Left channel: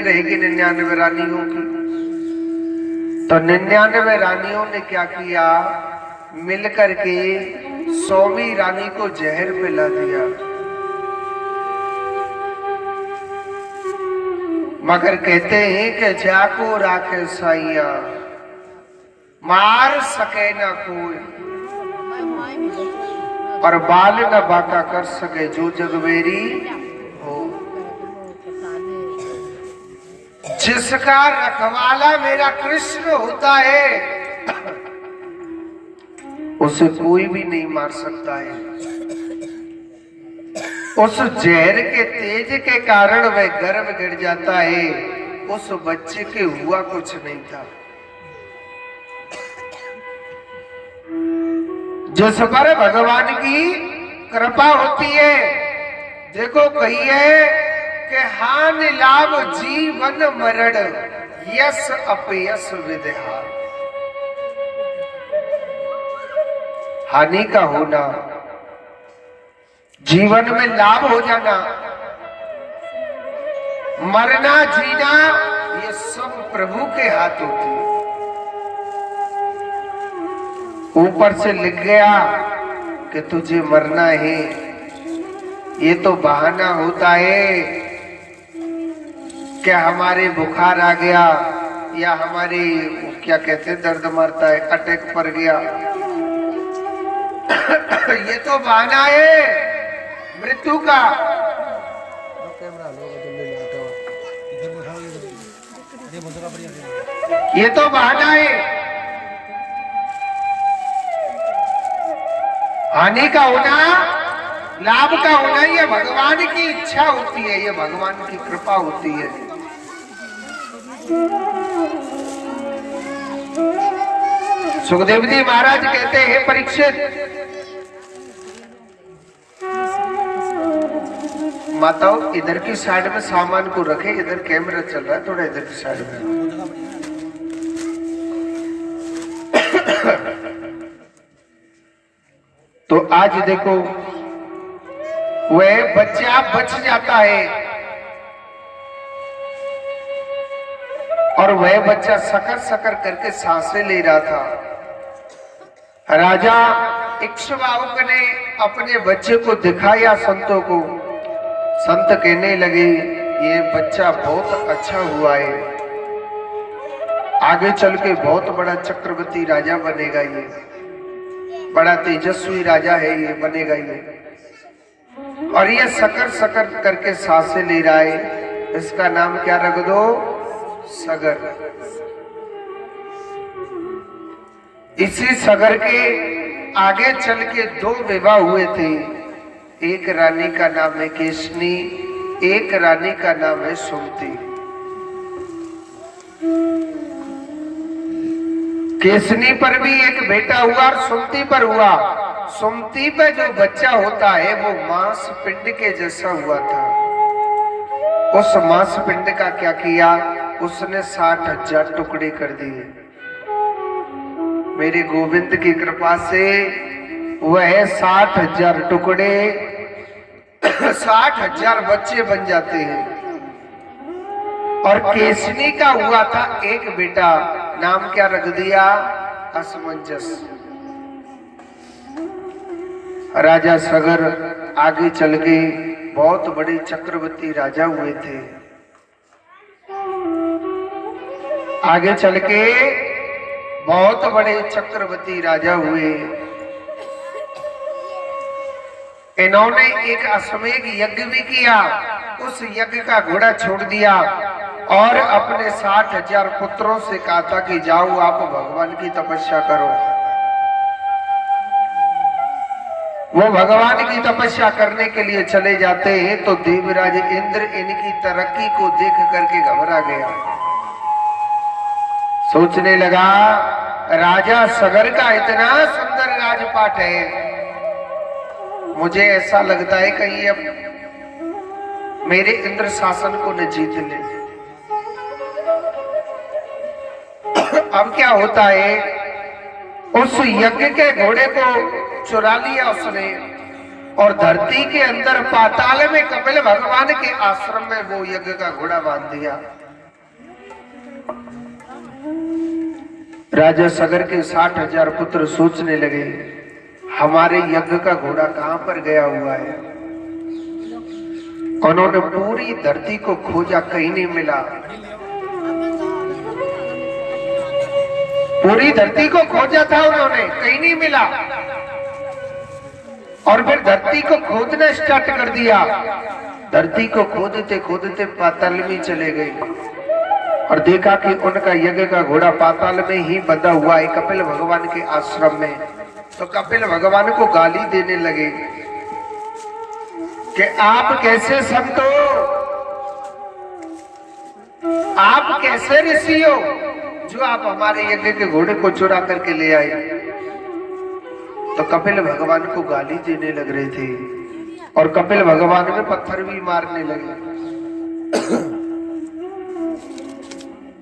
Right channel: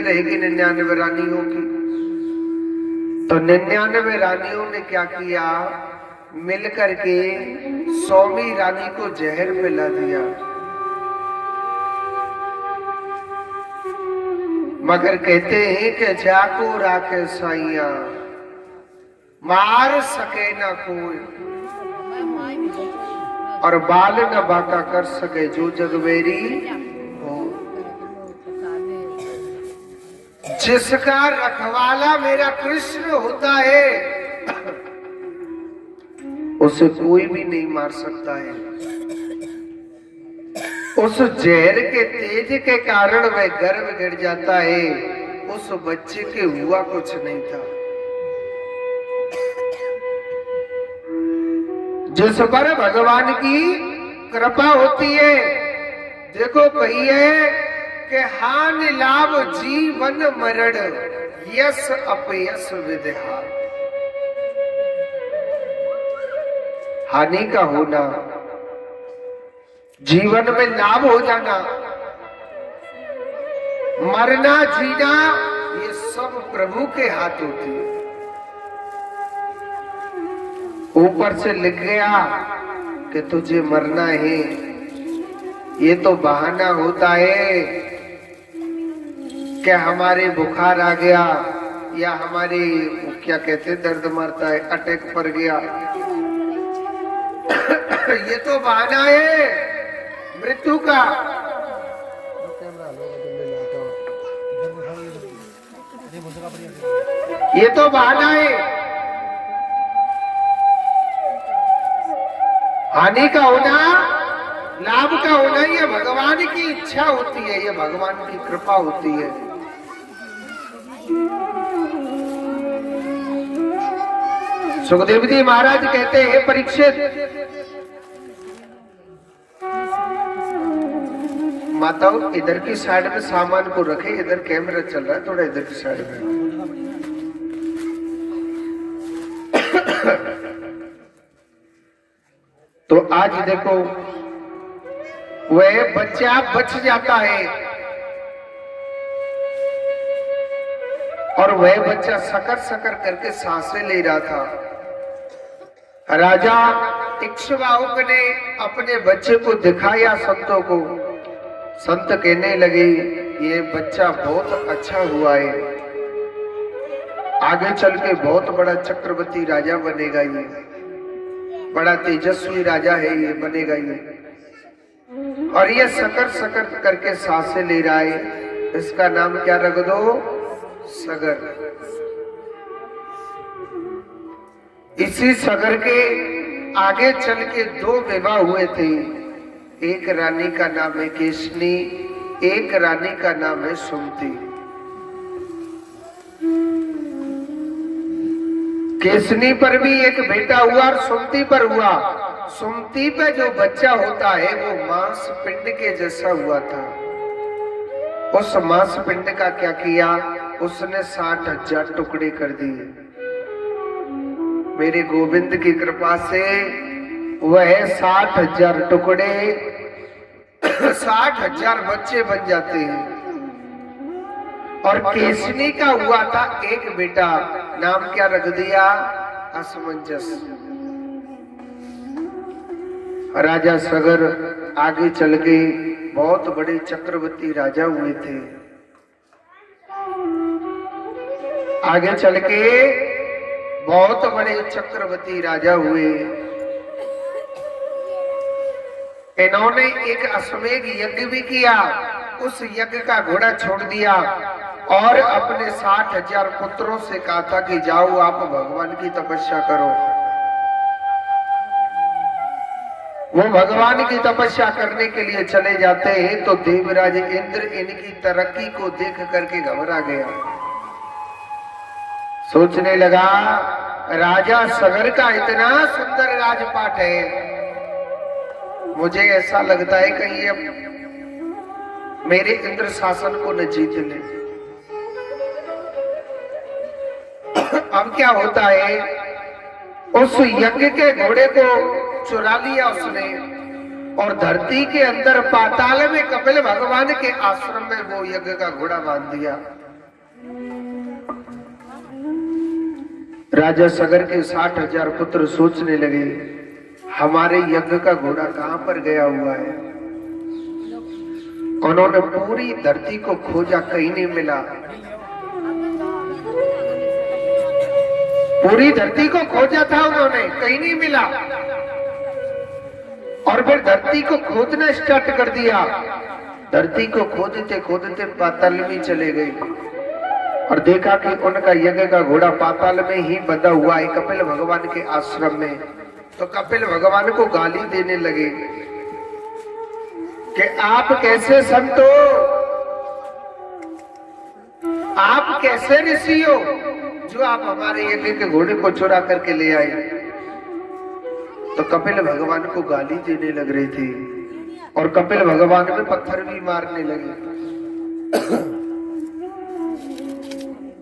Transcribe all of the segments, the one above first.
रहेगी 99 रानियों की। तो 99 रानियों ने क्या किया, मिलकर के 100वीं रानी को जहर पिला दिया। मगर कहते हैं कि जाको राखे साइया, मार सके ना कोई, और बाल न बाका कर सके जो जगवेरी हो। जिसका रखवाला मेरा कृष्ण होता है, उसे कोई भी नहीं मार सकता है। उस जहर के तेज के कारण वह गर्भ गिर जाता है। उस बच्चे के हुआ कुछ नहीं था। जिस पर भगवान की कृपा होती है, देखो कही है कि हान लाभ जीवन मरण, यस अपयस विद्या। हानि का होना, जीवन में लाभ हो जाना, मरना जीना, ये सब प्रभु के हाथ होती है। ऊपर से लिख गया कि तुझे मरना है, ये तो बहाना होता है कि हमारे बुखार आ गया या हमारे क्या कहते दर्द मारता है, अटैक पड़ गया। ये तो बहाना है मृत्यु का। ये तो बहाना है। हानि का होना, लाभ का होना, ये भगवान की इच्छा होती है, ये भगवान की कृपा होती है। सुखदेव जी महाराज कहते हैं, परीक्षित माताओं इधर की साइड में सामान को रखे, इधर कैमरा चल रहा है, थोड़ा इधर की साइड में। तो आज देखो वह बच्चा बच जाता है, और वह बच्चा सकर सकर करके सांसें ले रहा था। राजा इक्ष्वाकु ने अपने बच्चे को दिखाया संतों को। संत कहने लगे ये बच्चा बहुत अच्छा हुआ है, आगे चल के बहुत बड़ा चक्रवर्ती राजा बनेगा, ये बड़ा तेजस्वी राजा है, ये बनेगा ये। और ये सकर सकर करके सांसें ले रहा है, इसका नाम क्या रख दो, सगर। इसी सगर के आगे चल के 2 विवाह हुए थे। एक रानी का नाम है केशनी, एक रानी का नाम है सुमति। केशनी पर भी एक बेटा हुआ और सुमति पर हुआ। सुमति पे जो बच्चा होता है वो मांस पिंड के जैसा हुआ था। उस मांस पिंड का क्या किया, उसने 60,000 टुकड़े कर दिए। मेरे गोविंद की कृपा से वह 60,000 टुकड़े 60,000 बच्चे बन जाते हैं। और केशनी का हुआ था एक बेटा, नाम क्या रख दिया, असमंजस। राजा सगर आगे चल के बहुत बड़े चक्रवर्ती राजा हुए थे। आगे चल के बहुत बड़े चक्रवर्ती राजा हुए। इन्होंने एक अश्वमेध यज्ञ भी किया, उस यज्ञ का घोड़ा छोड़ दिया और अपने 60,000 पुत्रों से कहा था कि जाओ आप भगवान की तपस्या करो। वो भगवान की तपस्या करने के लिए चले जाते हैं तो देवराज इंद्र इनकी तरक्की को देख करके घबरा गया। सोचने लगा राजा सगर का इतना सुंदर राजपाट है, मुझे ऐसा लगता है कहीं अब मेरे इंद्र शासन को न जीत ले। अब क्या होता है, उस यज्ञ के घोड़े को चुरा लिया उसने और धरती के अंदर पाताल में कपिल भगवान के आश्रम में वो यज्ञ का घोड़ा बांध दिया। राजा सगर के 60,000 पुत्र सोचने लगे, हमारे यज्ञ का घोड़ा कहां पर गया हुआ है। उन्होंने पूरी धरती को खोजा, कहीं नहीं मिला। पूरी धरती को खोजा था उन्होंने, कहीं नहीं मिला। और फिर धरती को खोदना स्टार्ट कर दिया। धरती को खोदते खोदते पाताल में चले गए और देखा कि उनका यज्ञ का घोड़ा पाताल में ही बंधा हुआ है, कपिल भगवान के आश्रम में। तो कपिल भगवान को गाली देने लगे कि आप कैसे संत हो, आप कैसे ऋषि हो जो आप हमारे यज्ञ के घोड़े को चुरा करके ले आए। तो कपिल भगवान को गाली देने लग रहे थे और कपिल भगवान में पत्थर भी मारने लगे।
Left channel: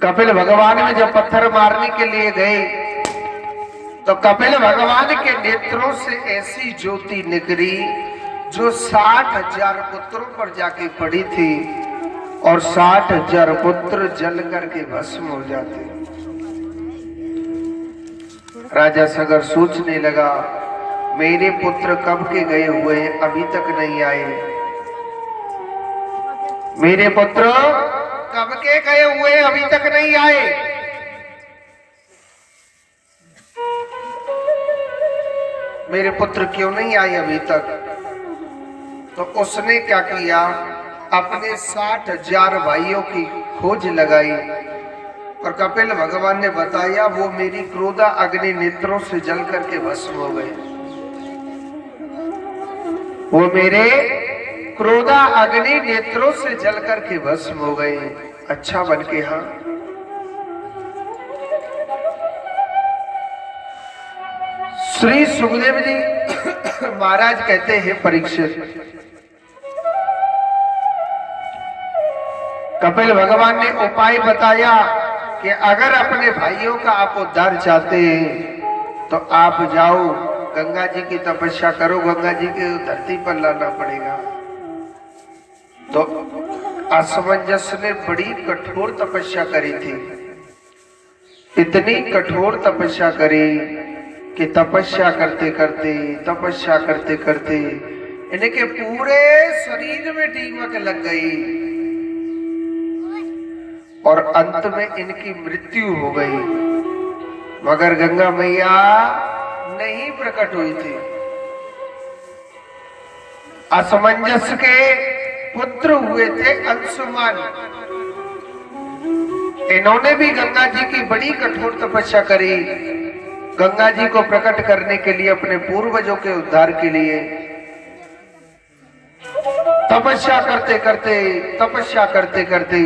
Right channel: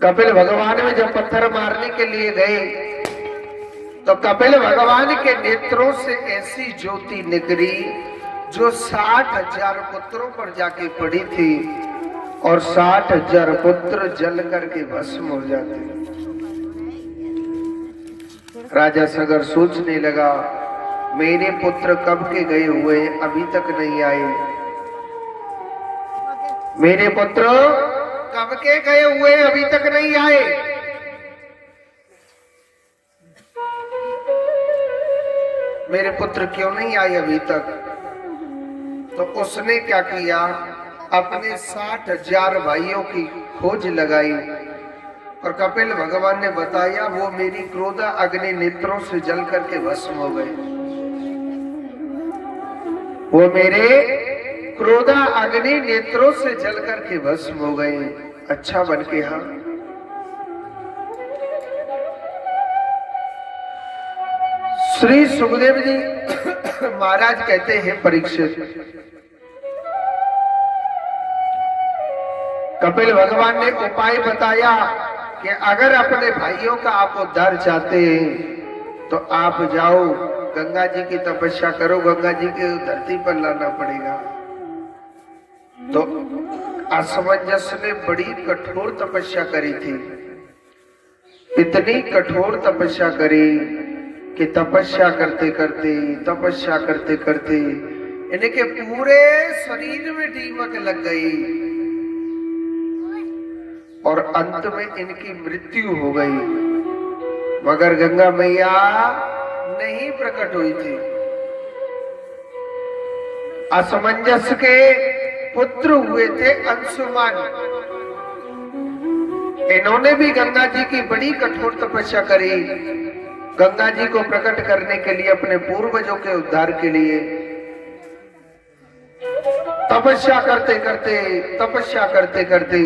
कपिल भगवान में जब पत्थर मारने के लिए गए तो कपिल भगवान के नेत्रों से ऐसी ज्योति निकली जो 60,000 पुत्रों पर जाके पड़ी थी और 60,000 पुत्र जल करके भस्म हो जाते। राजा सगर सोचने लगा, मेरे पुत्र कब के गए हुए हैं, अभी तक नहीं आए। मेरे पुत्र कब के गए हुए अभी तक नहीं आए। मेरे पुत्र क्यों नहीं आए अभी तक। तो उसने क्या किया, अपने 60,000 भाइयों की खोज लगाई और कपिल भगवान ने बताया वो मेरी क्रोधा अग्नि नेत्रों से जल करके भस्म हो गए। वो मेरे क्रोधा अग्नि नेत्रों से जल करके भस्म हो गए। अच्छा बन के। हाँ, श्री सुखदेव जी महाराज कहते हैं, परीक्षित, कपिल भगवान ने उपाय बताया कि अगर अपने भाइयों का आप उद्धार चाहते हैं तो आप जाओ गंगा जी की तपस्या करो, गंगा जी के धरती पर लाना पड़ेगा। तो असमंजस ने बड़ी कठोर तपस्या करी थी, इतनी कठोर तपस्या करी कि तपस्या करते करते इनके पूरे शरीर में दीमक लग गई और अंत में इनकी मृत्यु हो गई। मगर गंगा मैया नहीं प्रकट हुई थी। असमंजस के पुत्र हुए थे अंशुमान। इन्होंने भी गंगा जी की बड़ी कठोर तपस्या करी, गंगा जी को प्रकट करने के लिए, अपने पूर्वजों के उद्धार के लिए। तपस्या करते करते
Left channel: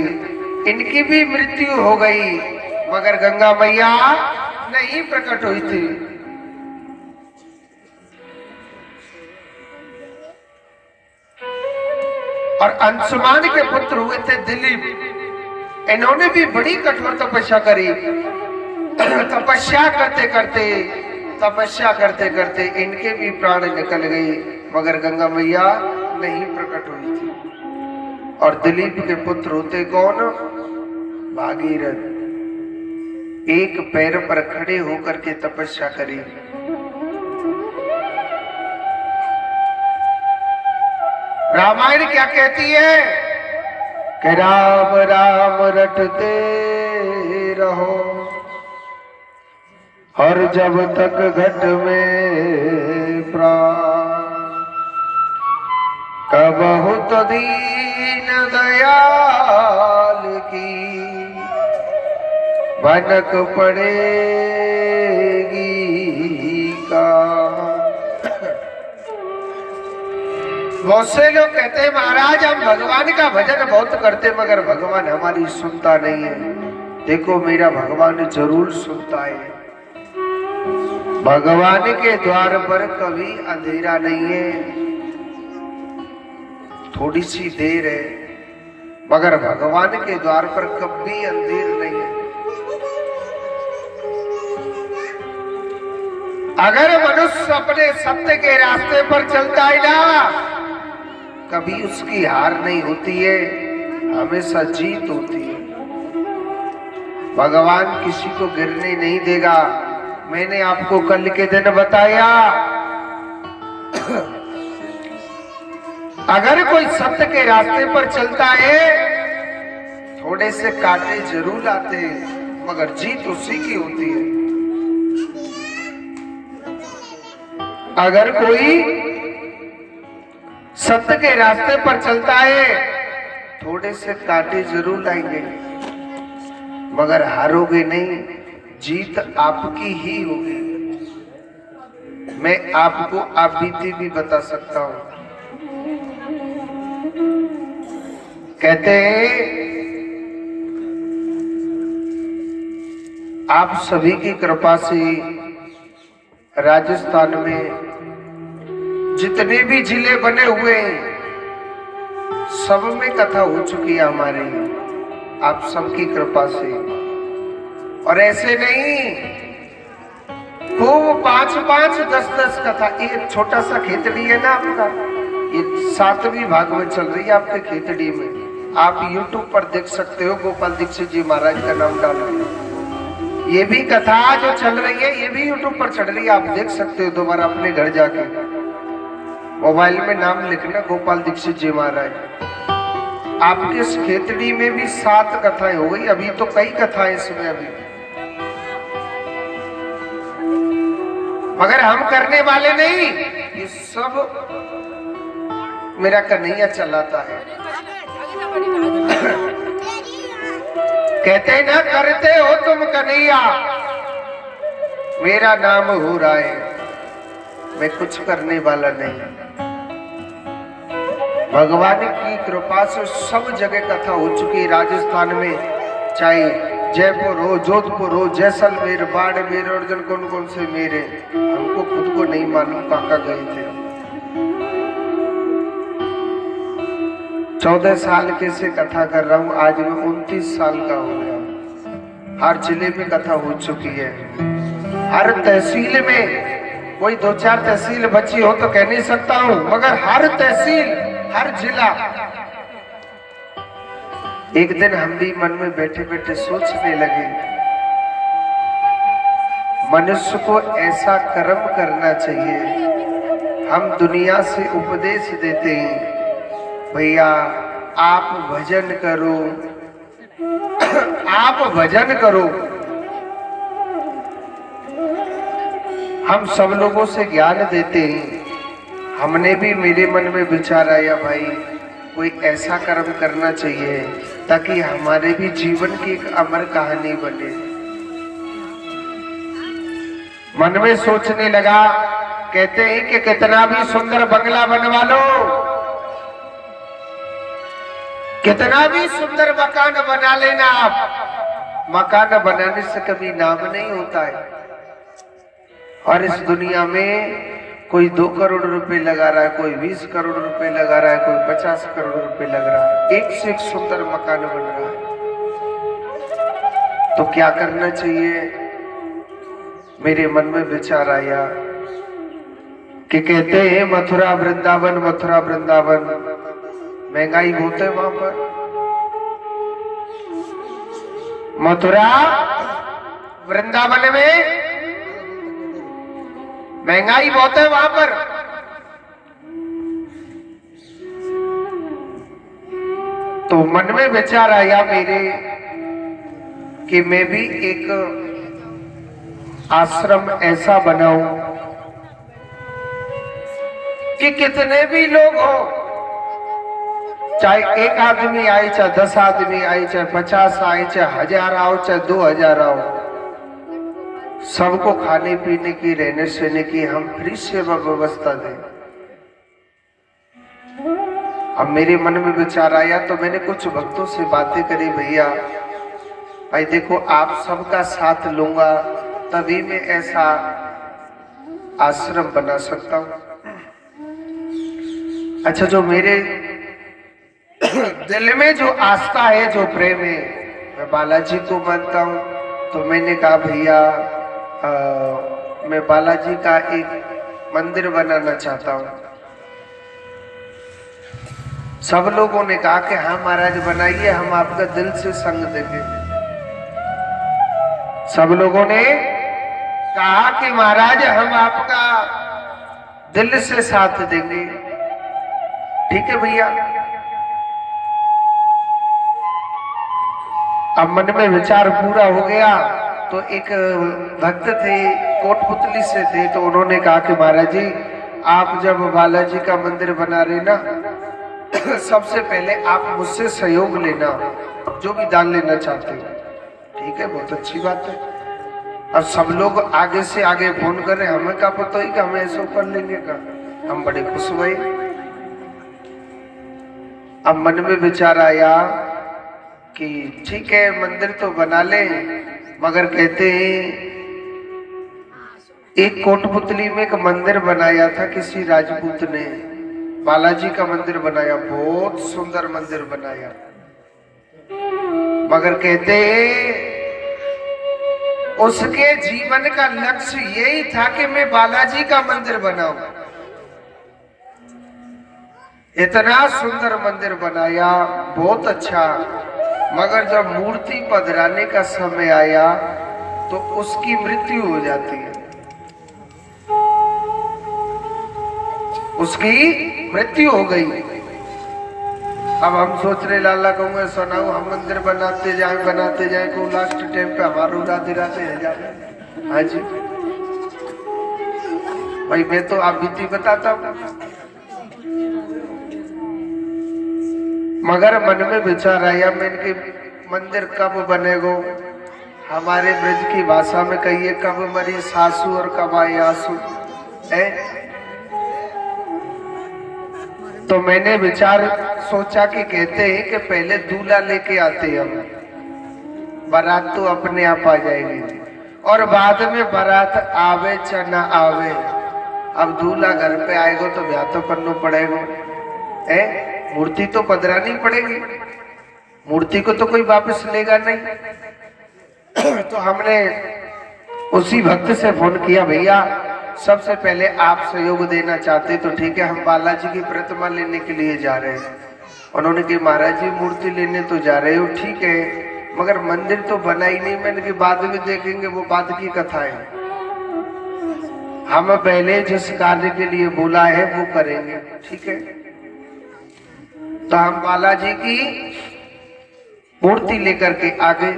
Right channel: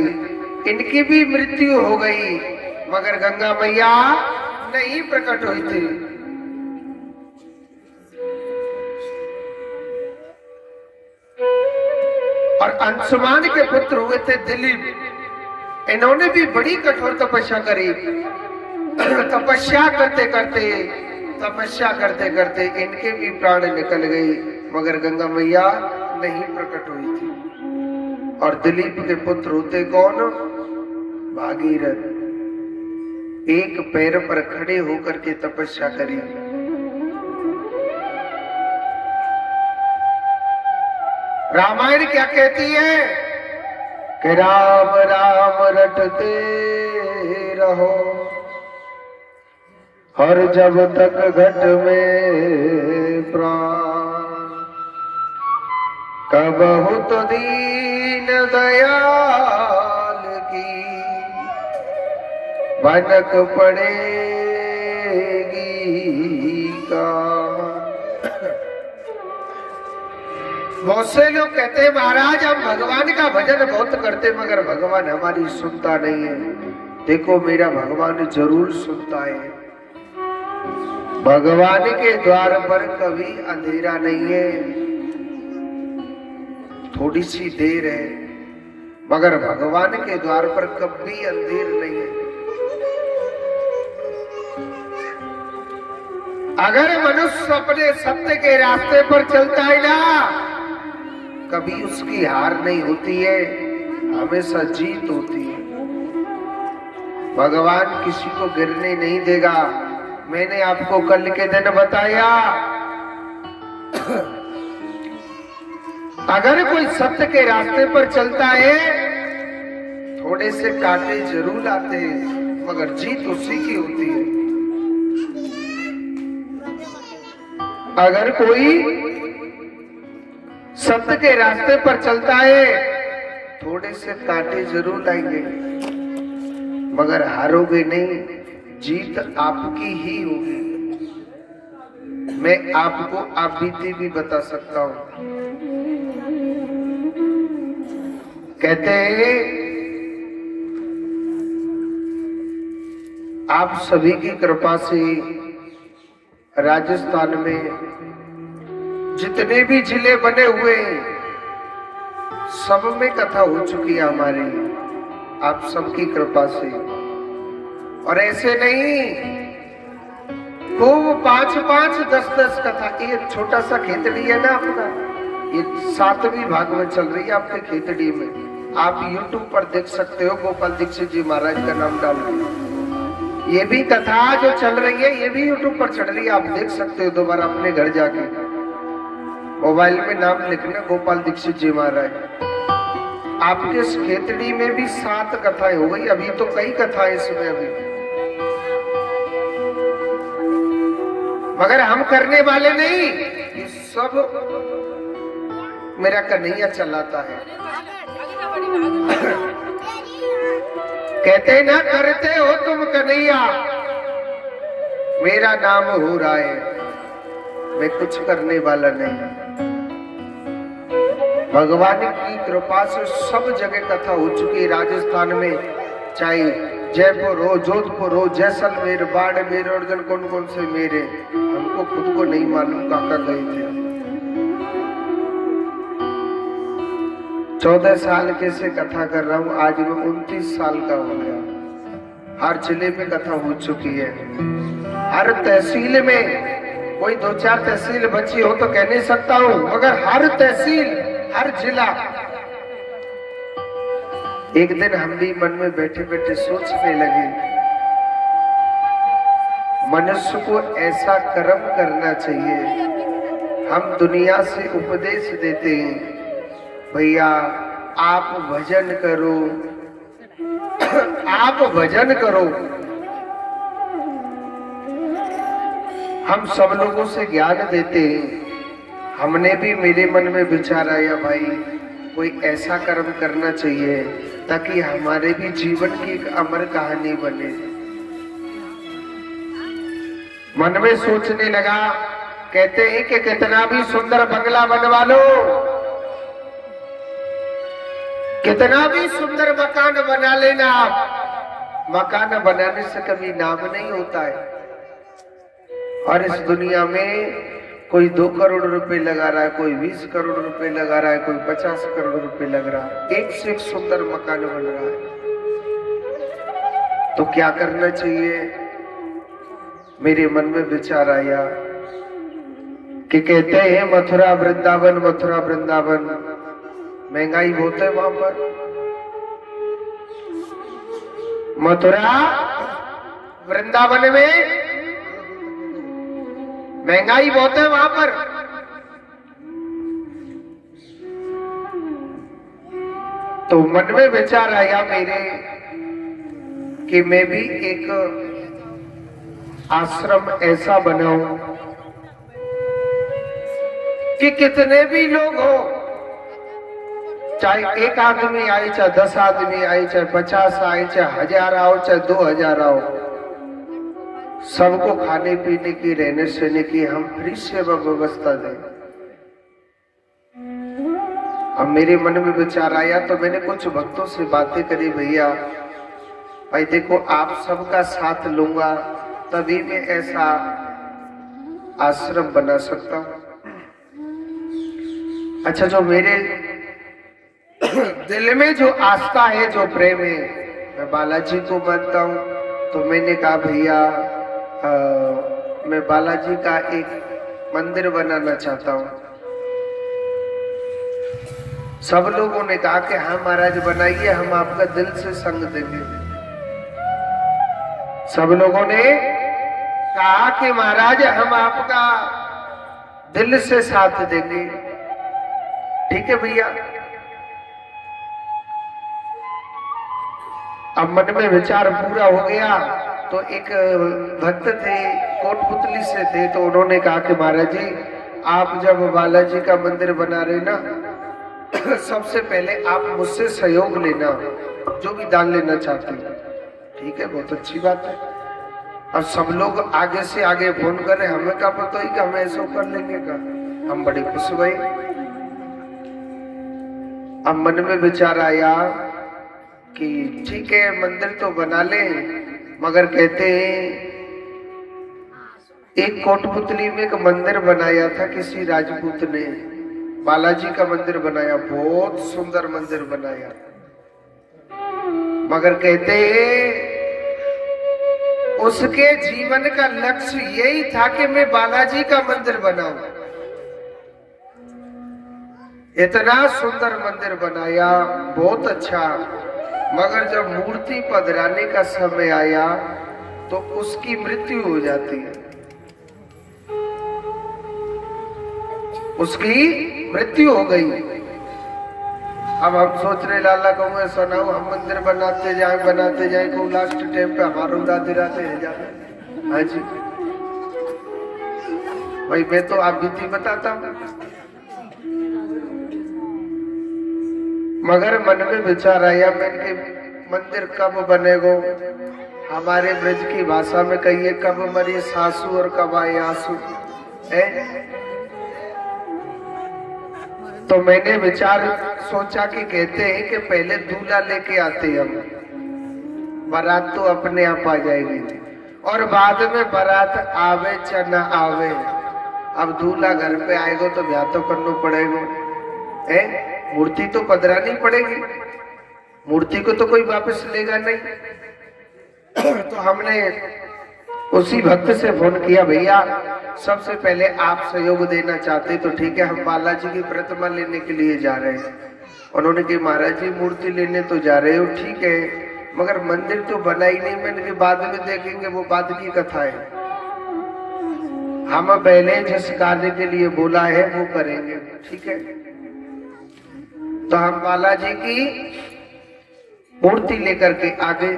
इनकी भी मृत्यु हो गई, मगर गंगा मैया नहीं प्रकट हुई थी। और अंशुमान के पुत्र हुए थे दिलीप। इन्होंने भी बड़ी कठोर तपस्या करी। तपस्या करते इनके भी प्राण निकल गए, मगर गंगा मैया नहीं प्रकट हुई थी। और दिलीप के पुत्र होते कौन? भागीरथ। एक पैर पर खड़े होकर के तपस्या करी। रामायण क्या कहती है कि राम राम रटते रहो, हर जब तक घट में प्राण, कबहु तो दीन दयाल की भनक पड़ेगी का। बहुत से लोग कहते हैं महाराज हम भगवान का भजन बहुत करते मगर भगवान हमारी सुनता नहीं है। देखो मेरा भगवान जरूर सुनता है। भगवान के द्वार पर कभी अंधेरा नहीं है, थोड़ी सी देर है, मगर भगवान के द्वार पर कभी अंधेर नहीं है। अगर मनुष्य अपने सत्य के रास्ते पर चलता है ना, कभी उसकी हार नहीं होती है, हमेशा जीत होती है। भगवान किसी को गिरने नहीं देगा। मैंने आपको कल के दिन बताया, अगर कोई सत्य के रास्ते पर चलता है, थोड़े से कांटे जरूर आते हैं, मगर जीत उसी की होती है। अगर कोई सत्य के रास्ते पर चलता है, थोड़े से कांटे जरूर आएंगे, मगर हारोगे नहीं, जीत आपकी ही होगी। मैं आपको आप बीती भी बता सकता हूं। कहते हैं आप सभी की कृपा से राजस्थान में जितने भी जिले बने हुए हैं, सब में कथा हो चुकी है हमारी, आप सबकी कृपा से। और ऐसे नहीं, खूब 5-5, 10-10 कथा। ये छोटा सा खेतड़ी है ना आपका, ये 7वीं भाग में चल रही है आपके खेतड़ी में। आप YouTube पर देख सकते हो, गोपाल दीक्षित जी महाराज का नाम डाल के। ये भी कथा जो चल रही है, ये भी YouTube पर चढ़ रही है, आप देख सकते हो दोबारा अपने घर जाके। मोबाइल में नाम लिखना गोपाल दीक्षित जी महाराज। आपके इस खेतड़ी में भी 7 कथाएं हो गई, अभी तो कई कथाएं इसमें अभी, मगर हम करने वाले नहीं, ये सब मेरा कन्हैया चलाता है। कहते ना करते हो तुम कन्हैया, मेरा नाम हो रहा है, मैं कुछ करने वाला नहीं। भगवान की कृपा से सब जगह कथा हो चुकी है राजस्थान में, चाहे जयपुर हो, जोधपुर हो, जैसलमेर, बाड़मेर, और कौन कौन से मेरे, हमको खुद को नहीं मालूम काका गए थे। 14 साल के से कथा कर रहा हूँ, आज मैं 29 साल का हो गया। हर जिले में कथा हो चुकी है, हर तहसील में। कोई 2-4 तहसील बची हो तो कह नहीं सकता हूँ, मगर हर तहसील, हर जिला। एक दिन हम भी मन में बैठे बैठे सोचने लगे, मनुष्य को ऐसा कर्म करना चाहिए। हम दुनिया से उपदेश देते हैं, भैया आप भजन करो, आप भजन करो। हम सब लोगों से ज्ञान देते हैं। हमने भी, मेरे मन में विचार आया, भाई कोई ऐसा कर्म करना चाहिए ताकि हमारे भी जीवन की एक अमर कहानी बने। मन में सोचने लगा, कहते हैं कि कितना भी सुंदर बंगला बनवा लो, कितना भी सुंदर मकान बना लेना आप, मकान बनाने से कभी नाम नहीं होता है। और इस दुनिया में कोई 2 करोड़ रुपए लगा रहा है, कोई 20 करोड़ रुपए लगा रहा है, कोई 50 करोड़ रुपए लग रहा है, एक से एक सुंदर मकान बन रहा है। तो क्या करना चाहिए? मेरे मन में विचार आया कि कहते हैं मथुरा वृंदावन, मथुरा वृंदावन, महंगाई बहुत है वहां पर। मथुरा वृंदावन में महंगाई बहुत है वहां पर। तो मन में विचार आया मेरे कि मैं भी एक आश्रम ऐसा बनाऊं कि कितने भी लोग हो, चाहे 1 आदमी आए, चाहे 10 आदमी आए, चाहे 50 आए, चाहे 1000 आओ, चाहे 2000 आओ, सबको खाने पीने की, रहने सहने की हम फ्री सेवा व्यवस्था दें। अब मेरे मन में विचार आया तो मैंने कुछ भक्तों से बातें करी, भैया भाई देखो आप सबका साथ लूंगा तभी मैं ऐसा आश्रम बना सकता हूं। अच्छा, जो मेरे दिल में जो आस्था है, जो प्रेम है, मैं बालाजी को मानता हूं। तो मैंने कहा भैया मैं बालाजी का एक मंदिर बनाना चाहता हूं। सब लोगों ने कहा कि हाँ महाराज बनाइए, हम आपका दिल से संग देंगे। सब लोगों ने कहा कि महाराज हम आपका दिल से साथ देंगे। ठीक है भैया। अब मन में विचार पूरा हो गया तो एक भक्त थे, कोटपुतली से थे, तो उन्होंने कहा कि महाराज जी आप जब बालाजी का मंदिर बना रहे ना सबसे पहले आप मुझसे सहयोग लेना, जो भी दान लेना चाहते हो। ठीक है, बहुत अच्छी बात है। अब सब लोग आगे से आगे फोन कर रहे, हमें क्या पता ही कि हमें ऐसा कर लेंगे का। हम बड़े खुश हुए। अब मन में विचार आया कि ठीक है मंदिर तो बना ले, मगर कहते हैं एक कोटपुतली में एक मंदिर बनाया था किसी राजपूत ने, बालाजी का मंदिर बनाया, बहुत सुंदर मंदिर बनाया, मगर कहते हैं उसके जीवन का लक्ष्य यही था कि मैं बालाजी का मंदिर बनाऊं। इतना सुंदर मंदिर बनाया, बहुत अच्छा, मगर जब मूर्ति पधराने का समय आया तो उसकी मृत्यु हो जाती है। उसकी मृत्यु हो गई। अब हम सोच रहे लाला कहूँगा सुनाओ हम मंदिर बनाते जाए को लास्ट टाइम पे हमारा उड़ाते रहते हैं जा रहे। हाँ जी भाई, मैं तो आप बीती बताता हूँ, मगर मन में विचार आया मैं इनके मंदिर कब बनेगो। हमारे ब्रज की भाषा में कहिए कब मरी सासू और कब आए आंसू है। तो मैंने विचार सोचा कि कहते हैं कि पहले दूल्हा लेके आते हम, बारात तो अपने आप आ जाएगी, और बाद में बारात आवे चाहे न आवे, अब दूल्हा घर पे आएगा तो ब्याह तो करना पड़ेगा है, मूर्ति तो पधरानी पड़ेगी, मूर्ति को तो कोई वापस लेगा नहीं। तो हमने उसी भक्त से फोन किया, भैया सबसे पहले आप सहयोग देना चाहते तो ठीक है, हम बालाजी की प्रतिमा लेने के लिए जा रहे हैं। उन्होंने कहा महाराज जी मूर्ति लेने तो जा रहे हो ठीक है, मगर मंदिर तो बना ही नहीं। मैंने कि बाद में देखेंगे, वो बाद की कथा है, हम पहले जिस कार्य के लिए बोला है वो करेंगे। ठीक है, तो हम बालाजी की मूर्ति लेकर के आगे,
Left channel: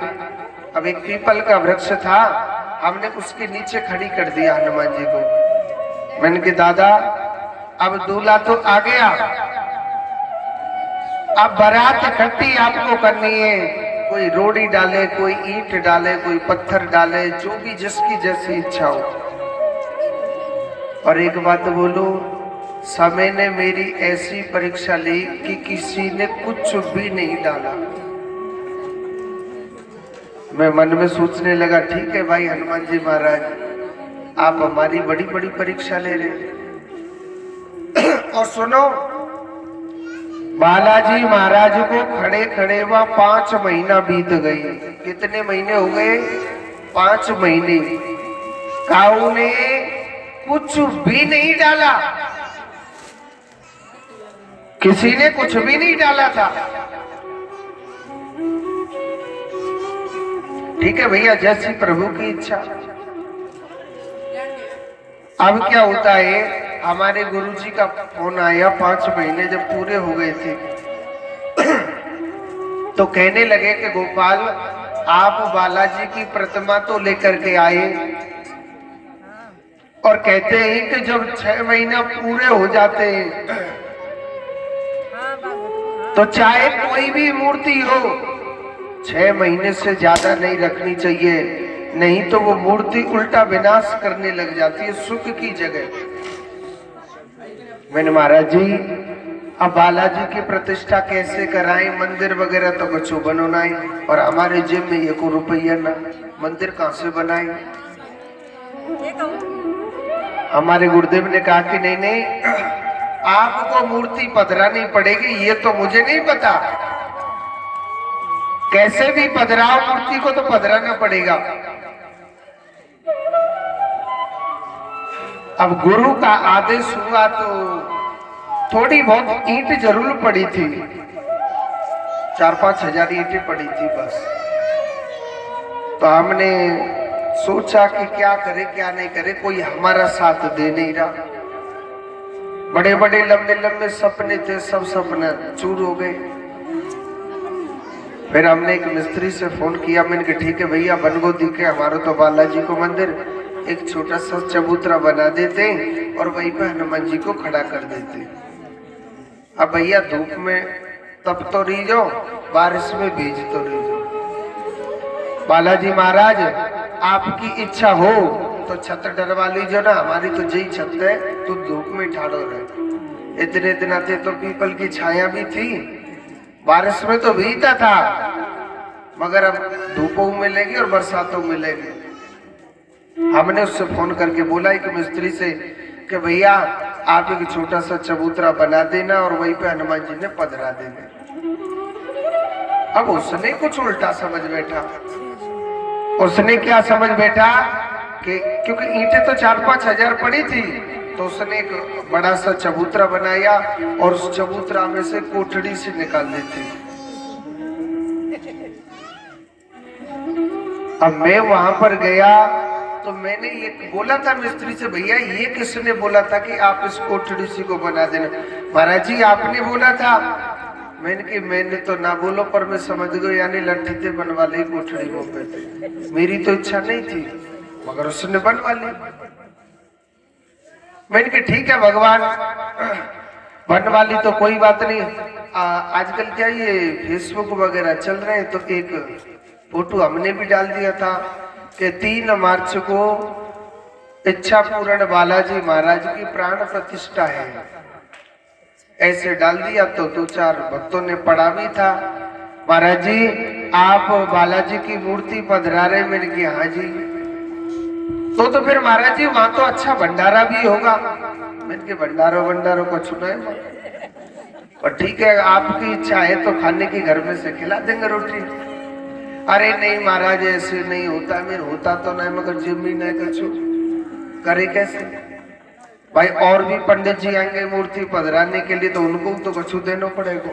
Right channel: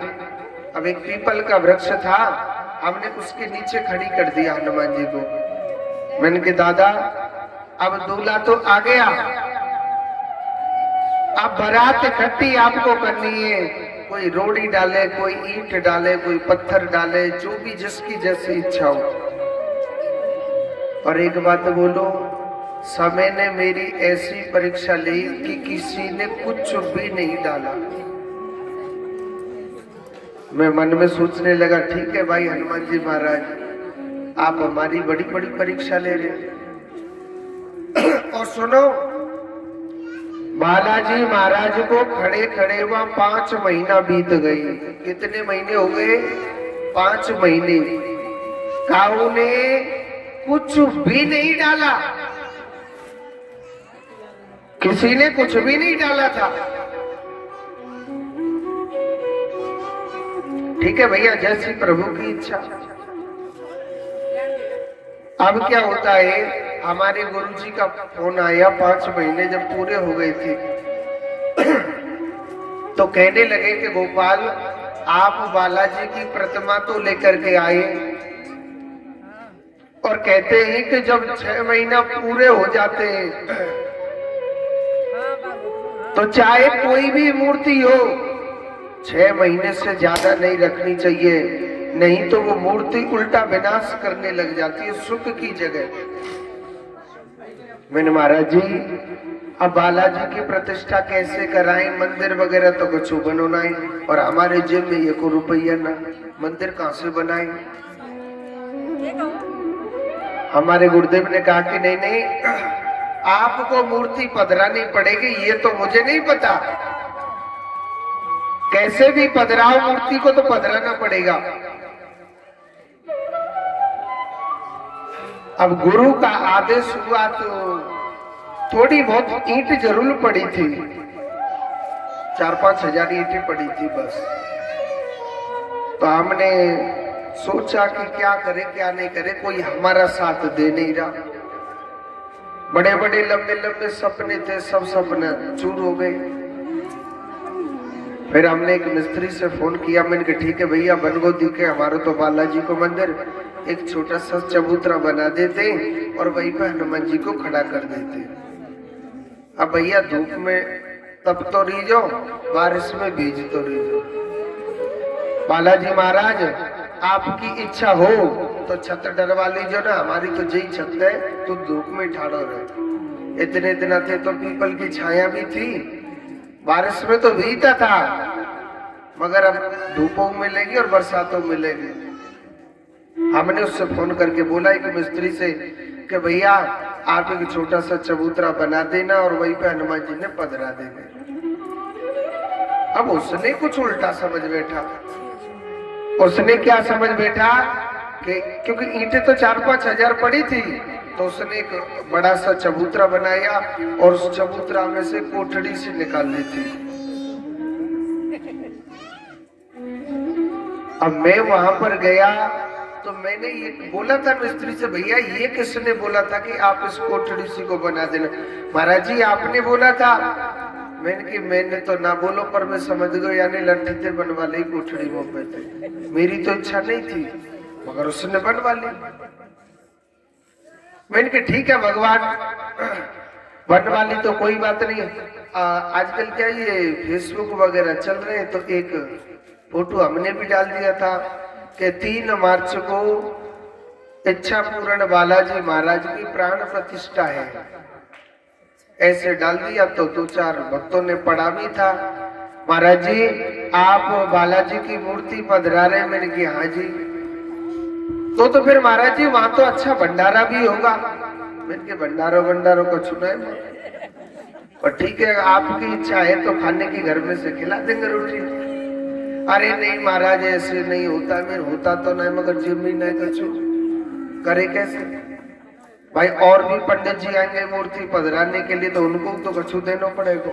अब एक पीपल का वृक्ष था, हमने उसके नीचे खड़ी कर दिया हनुमान जी को। मैंने कहा दादा अब दूल्हा तो आ गया, अब बारात इकट्ठी आपको करनी है, कोई रोड़ी डाले, कोई ईंट डाले, कोई पत्थर डाले, जो भी जिसकी जैसी इच्छा हो। और एक बात बोलो, समय ने मेरी ऐसी परीक्षा ली कि किसी ने कुछ भी नहीं डाला। मैं मन में सोचने लगा ठीक है भाई हनुमान जी महाराज, आप हमारी बड़ी बड़ी परीक्षा ले रहे। और सुनो, बालाजी महाराज को खड़े खड़े हुआ 5 महीना बीत गई। कितने महीने हो गए? 5 महीने। काऊ ने कुछ भी नहीं डाला, किसी ने कुछ भी नहीं डाला था। ठीक है भैया, जैसी प्रभु की इच्छा। अब क्या होता है, हमारे गुरुजी का फोन आया 5 महीने जब पूरे हो गए थे तो कहने लगे कि गोपाल आप बालाजी की प्रतिमा तो लेकर के आए, और कहते हैं कि जब 6 महीना पूरे हो जाते हैं तो चाहे कोई भी मूर्ति हो 6 महीने से ज्यादा नहीं रखनी चाहिए, नहीं तो वो मूर्ति उल्टा विनाश करने लग जाती है सुख की जगह। मैंने महाराज जी अब बालाजी की प्रतिष्ठा कैसे कराएं, मंदिर वगैरह तो कुछ बनवाए, और हमारे जेब में 1 रुपया ना, मंदिर कहां से बनाए। हमारे गुरुदेव ने कहा कि नहीं नहीं, आपको मूर्ति पधरानी पड़ेगी, ये तो मुझे नहीं पता, कैसे भी पधराओ मूर्ति को तो पधराना पड़ेगा। अब गुरु का आदेश हुआ तो थोड़ी बहुत ईंट जरूर पड़ी थी, 4-5 हजार ईंटें पड़ी थी बस। तो हमने सोचा कि क्या करे क्या नहीं करे, कोई हमारा साथ दे नहीं रहा। बड़े बड़े लंबे लंबे सपने थे, सब सपने चूर हो गए। फिर हमने एक मिस्त्री से फोन किया, मैंने कहा ठीक है भैया, बनगोदी के हमारा तो बालाजी को मंदिर एक छोटा सा चबूतरा बना देते और वहीं पे हनुमान जी को खड़ा कर देते। अब भैया धूप में तब तो रीजो, बारिश में बीज तो रीजो। बालाजी महाराज आपकी इच्छा हो तो छत डरवा लीजिए ना, हमारी तो यही छत है, तो धूप में ठाड़ो रहे। इतने दिन थे तो पीपल की छाया भी थी, बारिश में तो भीगता था, मगर अब धूपों में मिलेगी और बरसातों में मिलेगी। हमने उससे फोन करके बोला एक मिस्त्री से कि भैया आप एक छोटा सा चबूतरा बना देना और वहीं पे हनुमान जी ने पधरा देना। अब उसने कुछ उल्टा समझ बैठा। उसने क्या समझ बैठा कि क्योंकि ईंटें तो 4-5 हजार पड़ी थी, तो उसने एक बड़ा सा चबूतरा बनाया और उस चबूतरा में से कोठड़ी से निकाल दी थी। अब मैं वहां पर गया तो मैंने ये बोला था मिस्त्री से, भैया ये किसने बोला था कि आप इस कोठड़ी सी को बना देना? महाराज जी आपने बोला था। मैंने तो ना बोलो, पर मैं समझ गया यानी लट्ठी थे बनवा ली कोठड़ी को पे। मेरी तो इच्छा नहीं थी, मगर उसने बनवा ली। मैंने कहा ठीक है भगवान, बनवा ली तो कोई बात नहीं। आजकल क्या ये फेसबुक वगैरह चल रहे हैं, तो एक फोटो हमने भी डाल दिया था कि 3 मार्च को इच्छा पूर्ण बालाजी महाराज की प्राण प्रतिष्ठा है। ऐसे डाल दिया तो 2-4 भक्तों ने पढ़ा भी था, महाराज जी आप बालाजी की मूर्ति पधरा रहे। मैंने कहा हाँ जी। तो फिर महाराज जी वहां तो अच्छा भंडारा भी होगा। मैंने कहा भंडारों का चुना है, और ठीक है आपकी इच्छा है तो खाने की घर में से खिला देंगे रोटी। अरे नहीं महाराज ऐसे नहीं होता, मेरे होता तो नहीं, मगर जिम्मी नहीं कछु करे कैसे भाई। और भी पंडित जी आएंगे मूर्ति पधराने के लिए, तो उनको तो कछु देना पड़ेगा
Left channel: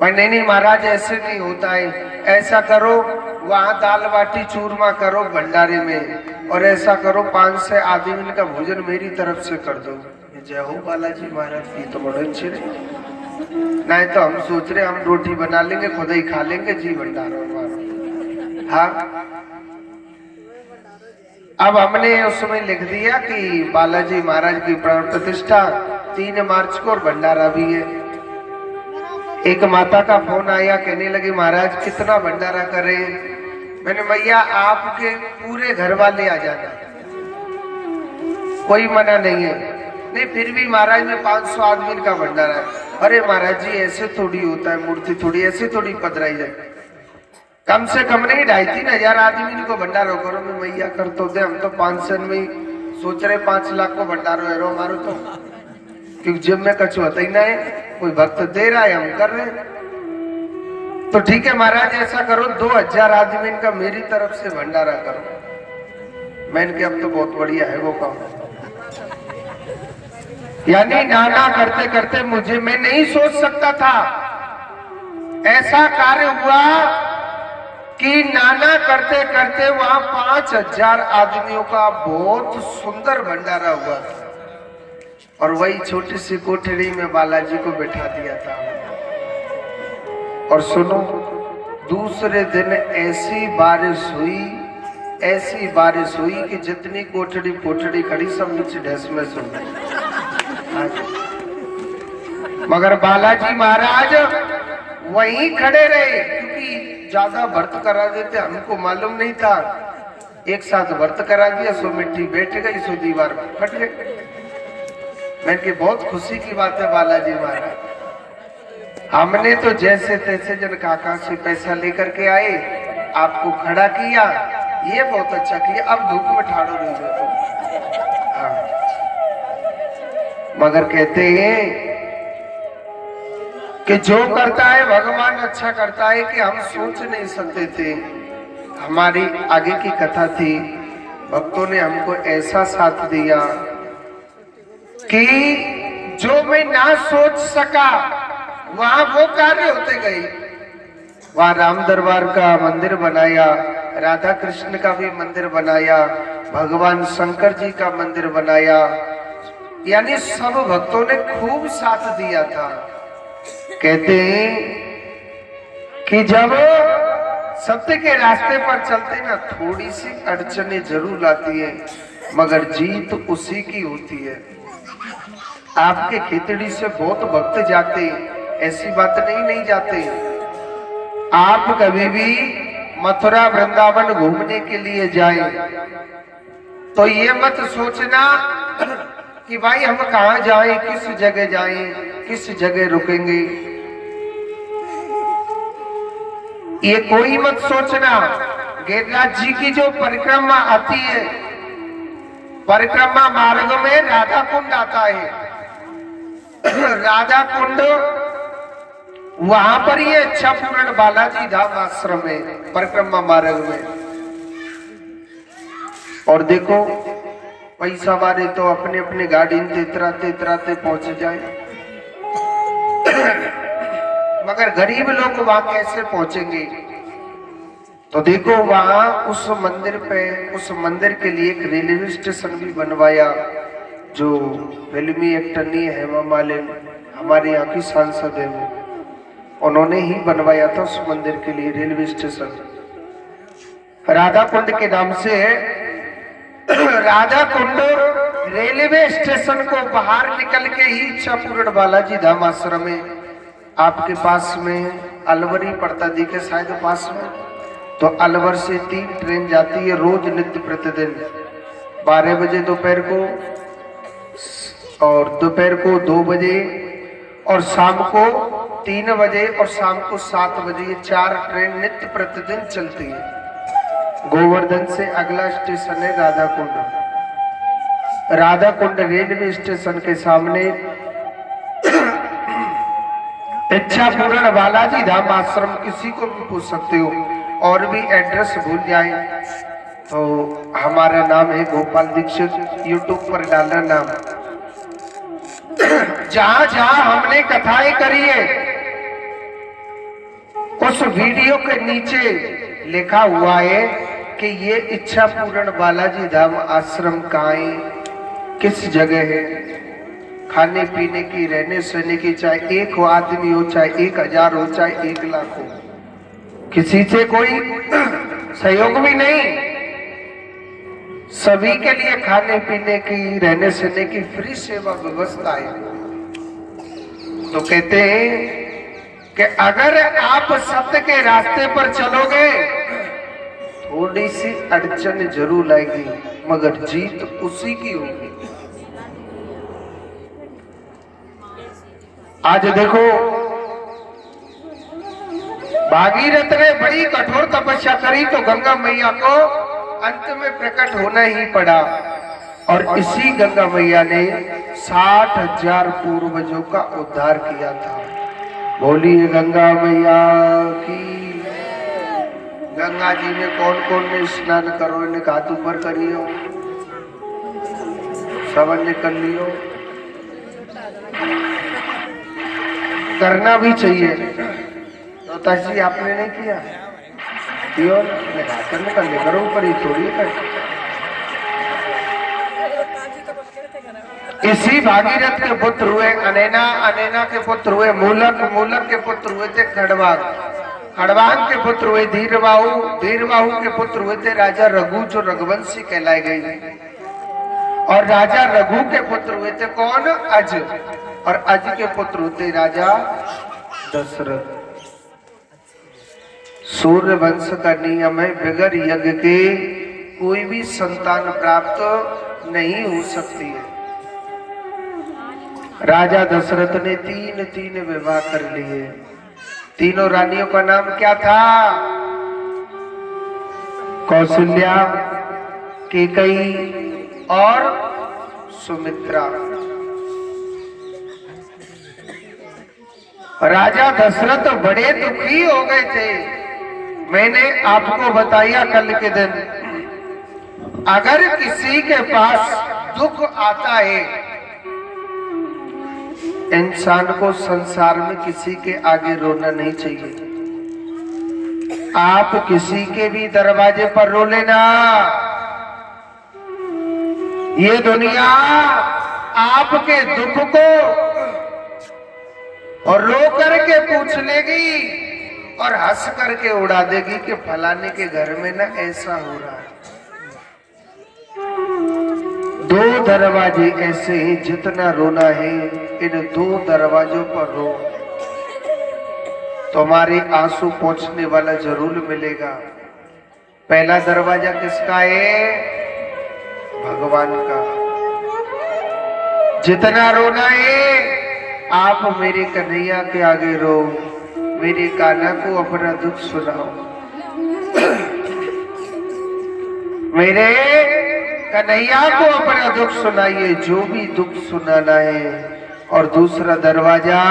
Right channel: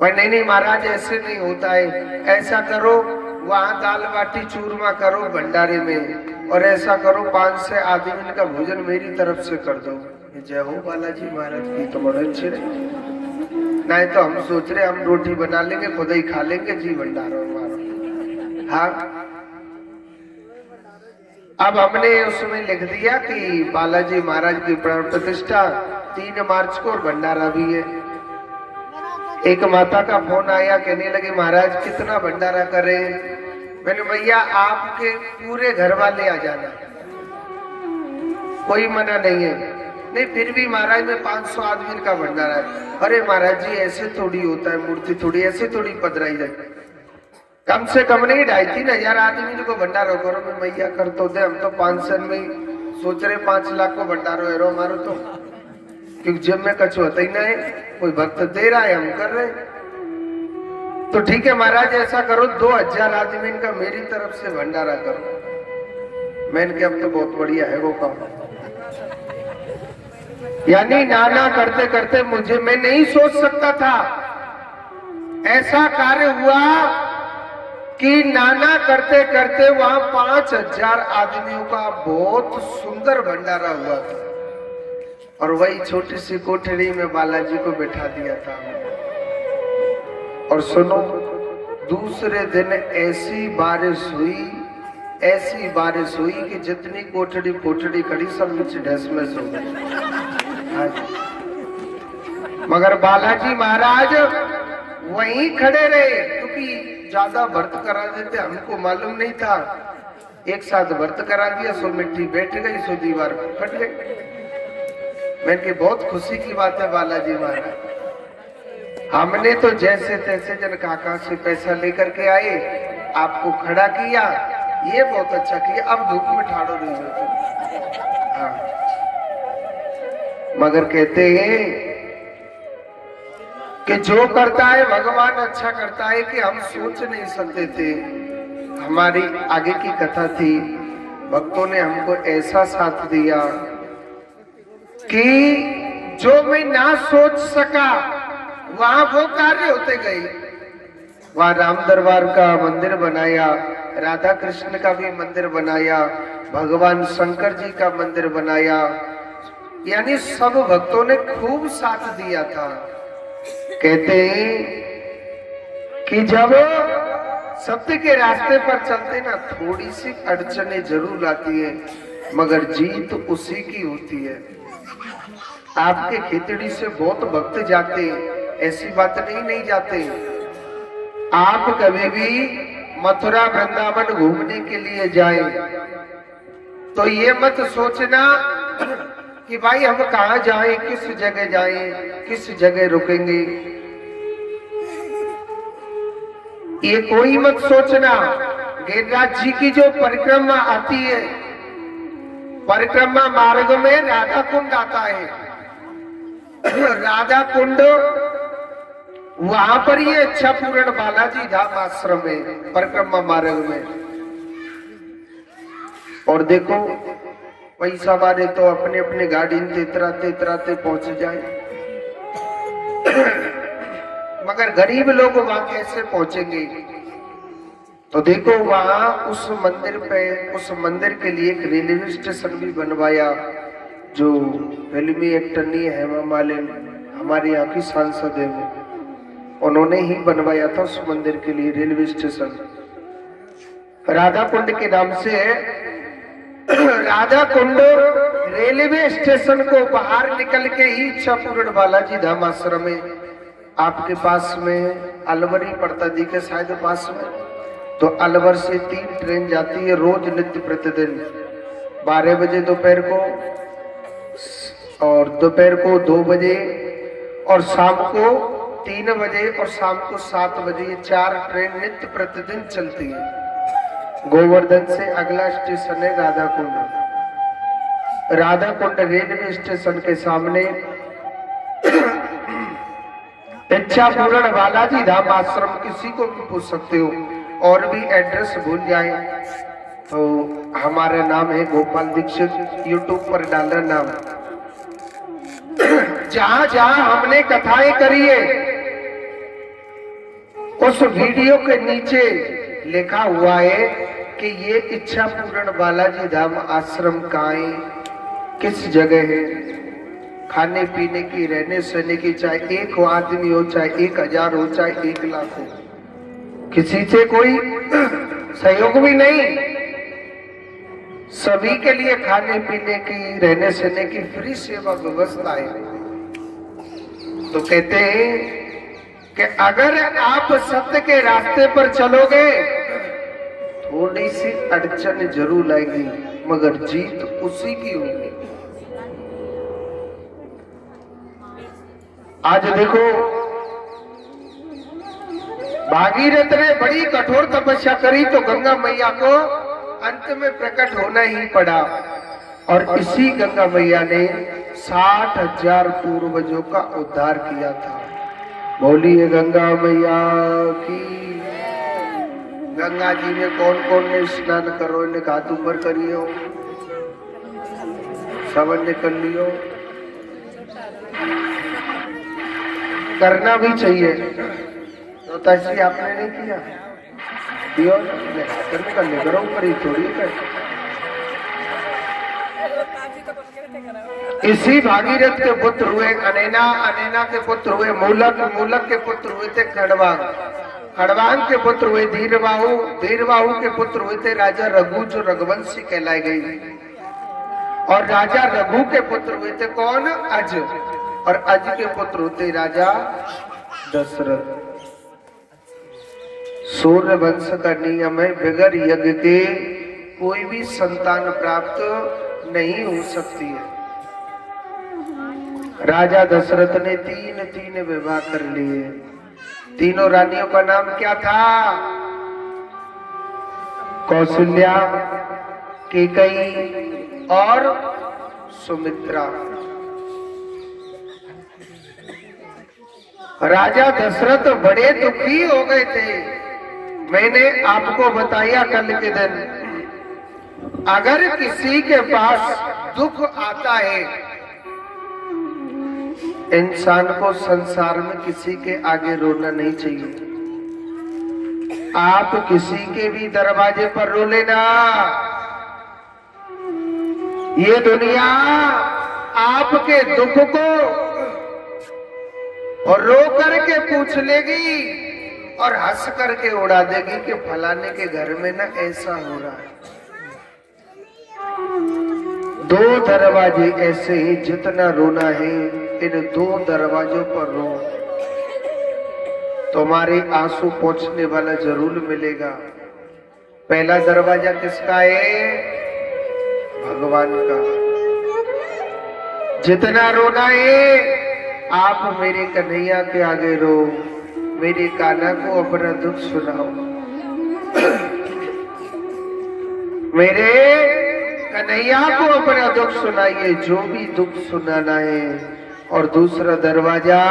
भाई। नहीं महाराज ऐसे नहीं होता है, ऐसा करो वहां दाल बाटी चूरमा करो भंडारे में, और ऐसा करो 5 से आदमी का भोजन मेरी तरफ से कर दो। जय हो बालाजी महाराज की, तो बड़े अच्छे नहीं तो हम सोच रहे हम रोटी बना लेंगे खुद ही खा लेंगे जी भंडारा। हाँ अब हमने उसमें लिख दिया कि बालाजी महाराज की प्राण प्रतिष्ठा 3 मार्च को और भंडारा भी है। एक माता का फोन आया, कहने लगी महाराज कितना भंडारा करें? मैंने भैया आपके पूरे घर वाले आ जाना, कोई मना नहीं है। नहीं फिर भी महाराज में 500 आदमी का भंडारा है। अरे महाराज जी ऐसे थोड़ी होता है, मूर्ति थोड़ी ऐसे थोड़ी पधराई जाए। कम से कम नहीं 2,500-3 हजार आदमी को भंडारो करो। मैं मैया कर तो दे, हम तो 500 में सोच रहे 5 लाख को भंडारो है रो मारो तो, क्योंकि जेब में कछु होता ही ना है, कोई भक्त दे रहा है हम कर रहे हैं। तो ठीक है महाराज ऐसा करो 2,000 आदमी का मेरी तरफ से भंडारा करो। मैंने कहा अब तो बहुत बढ़िया है वो काम। यानी नाना करते करते मैं नहीं सोच सकता था ऐसा कार्य हुआ कि नाना करते करते वहां 5,000 आदमियों का बहुत सुंदर भंडारा हुआ था, और वही छोटी सी कोठरी में बालाजी को बैठा दिया था। और सुनो दूसरे दिन ऐसी बारिश हुई कि जितनी कोठड़ी खड़ी सब नीचे ढेस में सो गई। मगर बालाजी महाराज वहीं खड़े रहे, क्योंकि ज्यादा व्रत करा देते हमको मालूम नहीं था। एक साथ व्रत करा दिया, सो मिट्टी बैठ गई, सो दीवार फट गई। मैंने बहुत खुशी की बात है बालाजी महाराज, हमने तो जैसे तैसे जन काका से पैसा लेकर के आए, आपको खड़ा किया, ये बहुत अच्छा किया, अब धूप में ठाड़ो नहीं जाते। हाँ। मगर कहते हैं कि जो करता है भगवान अच्छा करता है, कि हम सोच नहीं सकते थे। हमारी आगे की कथा थी, भक्तों ने हमको ऐसा साथ दिया कि जो मैं ना सोच सका वहां वो कार्य होते गए। वहां राम दरबार का मंदिर बनाया, राधा कृष्ण का भी मंदिर बनाया, भगवान शंकर जी का मंदिर बनाया, यानी सब भक्तों ने खूब साथ दिया था। कहते हैं कि जब सत्य के रास्ते पर चलते ना, थोड़ी सी अड़चने जरूर आती है, मगर जीत उसी की होती है। आपके खेतड़ी से बहुत भक्त जाते हैं, ऐसी बात नहीं जाते। आप कभी भी मथुरा वृंदावन घूमने के लिए जाएं तो ये मत सोचना कि भाई हम कहाँ जाएं, किस जगह जाएं, किस जगह रुकेंगे, ये कोई मत सोचना। गिरिराज जी की जो परिक्रमा आती है, परिक्रमा मार्ग में राधा कुंड आता है। राधा कुंड वहां पर ये इच्छापूर्ण बालाजी धाम आश्रम है, परिक्रमा मार्ग में। और देखो पैसा वाले तो अपने अपने गाड़ी में तेतराते पहुंच जाए, मगर गरीब लोग वहां कैसे पहुंचेंगे? तो देखो वहां उस मंदिर पे, उस मंदिर के लिए एक रेलवे स्टेशन भी बनवाया, जो फिल्मी एक्टर नहीं है, हेमा मालिनी हमारे यहाँ की सांसद है, उन्होंने ही बनवाया था उस मंदिर के लिए रेलवे स्टेशन। राधा कुंड के नाम से है। राधा कुंड रेलवे स्टेशन को बाहर निकल के ही इच्छापूर्ण बालाजी धाम आश्रम में, आपके पास में अलवर ही पड़ता दिखे शायद पास में, तो अलवर से 3 ट्रेन जाती है रोज नित्य प्रतिदिन, 12 बजे दोपहर को, और दोपहर को 2 बजे, और शाम को 3 बजे, और शाम को 7 बजे। ये 4 ट्रेन नित्य प्रतिदिन चलती है। गोवर्धन से अगला स्टेशन है राधा कुंड। राधा कुंड रेलवे स्टेशन के सामने इच्छापूर्ण बालाजी धाम आश्रम, किसी को भी पूछ सकते हो। और भी एड्रेस भूल जाए तो हमारा नाम है गोपाल दीक्षित, यूट्यूब पर डालना नाम। जहां जहां हमने कथाएं करी है उस वीडियो के नीचे लिखा हुआ है कि ये इच्छापूर्ण बालाजी धाम आश्रम कहाँ है, किस जगह है। खाने पीने की, रहने सहने की, चाहे 1 आदमी हो, चाहे 1000 हो, चाहे 1 लाख हो, किसी से कोई सहयोग भी नहीं, सभी के लिए खाने पीने की, रहने सहने की फ्री सेवा व्यवस्था है। तो कहते हैं कि अगर आप सत्य के रास्ते पर चलोगे, थोड़ी सी अड़चन जरूर आएगी, मगर जीत उसी की होगी। आज देखो भागीरथ ने बड़ी कठोर तपस्या करी तो गंगा मैया को अंत में प्रकट होना ही पड़ा, और इसी गंगा मैया ने 60,000 पूर्वजों का उद्धार किया था। बोलिए गंगा मैया की। गंगा जी में कौन कौन ने स्नान करो, इन्हें हाथ ऊपर करियो, सवन ने कर लियो, करना भी चाहिए। तो ताजी आपने नहीं किया, करने करो ऊपर ही थोड़ी कर। इसी भागीरथ के पुत्र हुए अनैना, अनैना के पुत्र हुए मूलक, मूलक के पुत्र हुए थे खड़वांग, खड़वांग के पुत्र हुए धीरबाहु, धीरबाहु के पुत्र हुए थे राजा रघु, जो रघुवंशी कहलाए गए। और राजा रघु के पुत्र हुए थे कौन? अज, और अज के पुत्र होते राजा दशरथ। सूर्य वंश का नियम है, बगैर यज्ञ के कोई भी संतान प्राप्त नहीं हो सकती है। राजा दशरथ ने 3 विवाह कर लिए। तीनों रानियों का नाम क्या था? कौशल्या, कैकेयी और सुमित्रा। राजा दशरथ बड़े दुखी हो गए थे। मैंने आपको बताया कल के दिन, अगर किसी के पास दुख आता है, इंसान को संसार में किसी के आगे रोना नहीं चाहिए। आप किसी के भी दरवाजे पर रो लेना, ये दुनिया आपके दुख को और रो करके पूछ लेगी और हंस करके उड़ा देगी कि फलाने के घर में ना ऐसा हो रहा है। दो दरवाजे ऐसे ही, जितना रोना है इन दो दरवाजों पर रो, तुम्हारे आंसू पहुंचने वाला जरूर मिलेगा। पहला दरवाजा किसका है? भगवान का। जितना रोना है आप मेरे कन्हैया के आगे रो, मेरे कान्हा को अपना दुख सुनाओ, मेरे कन्हैया को अपना दुख सुनाइए, जो भी दुख सुनाना है। और दूसरा दरवाजा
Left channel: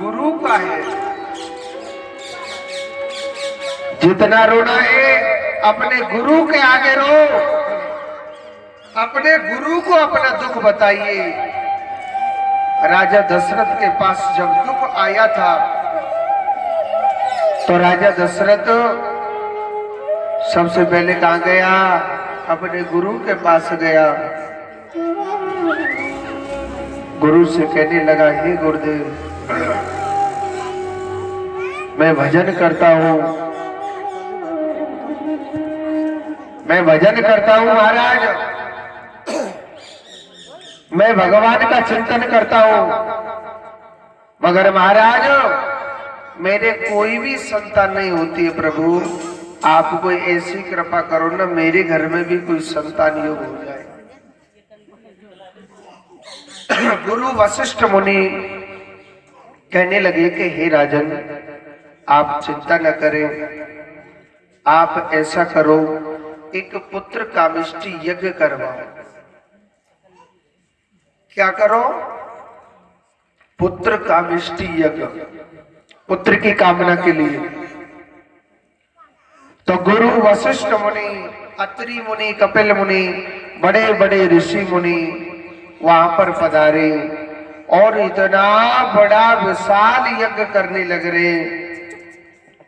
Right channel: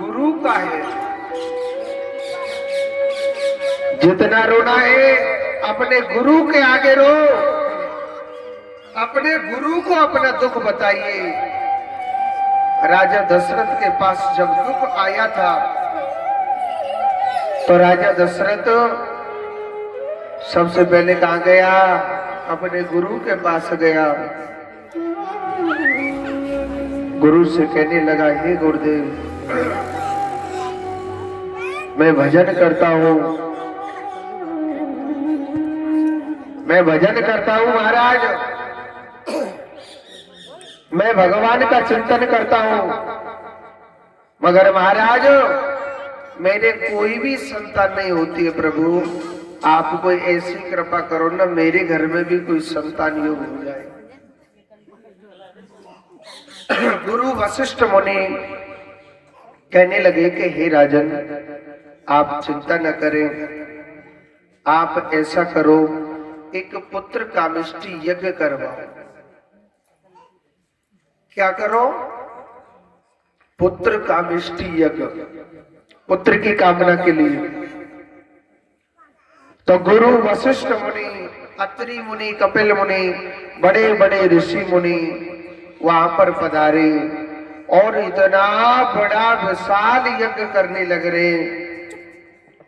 गुरु का है। जितना रोना है अपने गुरु के आगे रो, अपने गुरु को अपना दुख बताइए। राजा दशरथ के पास जब दुख आया था तो राजा दशरथ सबसे पहले कहाँ गया? अपने गुरु के पास गया। गुरु से कहने लगा, हे गुरुदेव, मैं भजन करता हूँ, मैं भजन करता हूँ महाराज, मैं भगवान का चिंतन करता हूँ, मगर महाराज मेरे कोई भी संतान नहीं होती है। प्रभु आप कोई ऐसी कृपा करो ना, मेरे घर में भी कोई संतान योग हो जाए। गुरु वशिष्ठ मुनि कहने लगे कि हे राजन, आप चिंता न करें, आप ऐसा करो, एक पुत्र कामिष्टि यज्ञ करवाओ। क्या करो? पुत्र कामिष्टि यज्ञ, पुत्र की कामना के लिए। तो गुरु वशिष्ठ मुनि, अत्रि मुनि, कपिल मुनि, बड़े बड़े ऋषि मुनि वहां पर पधारे और इतना बड़ा विशाल यज्ञ करने लग रहे,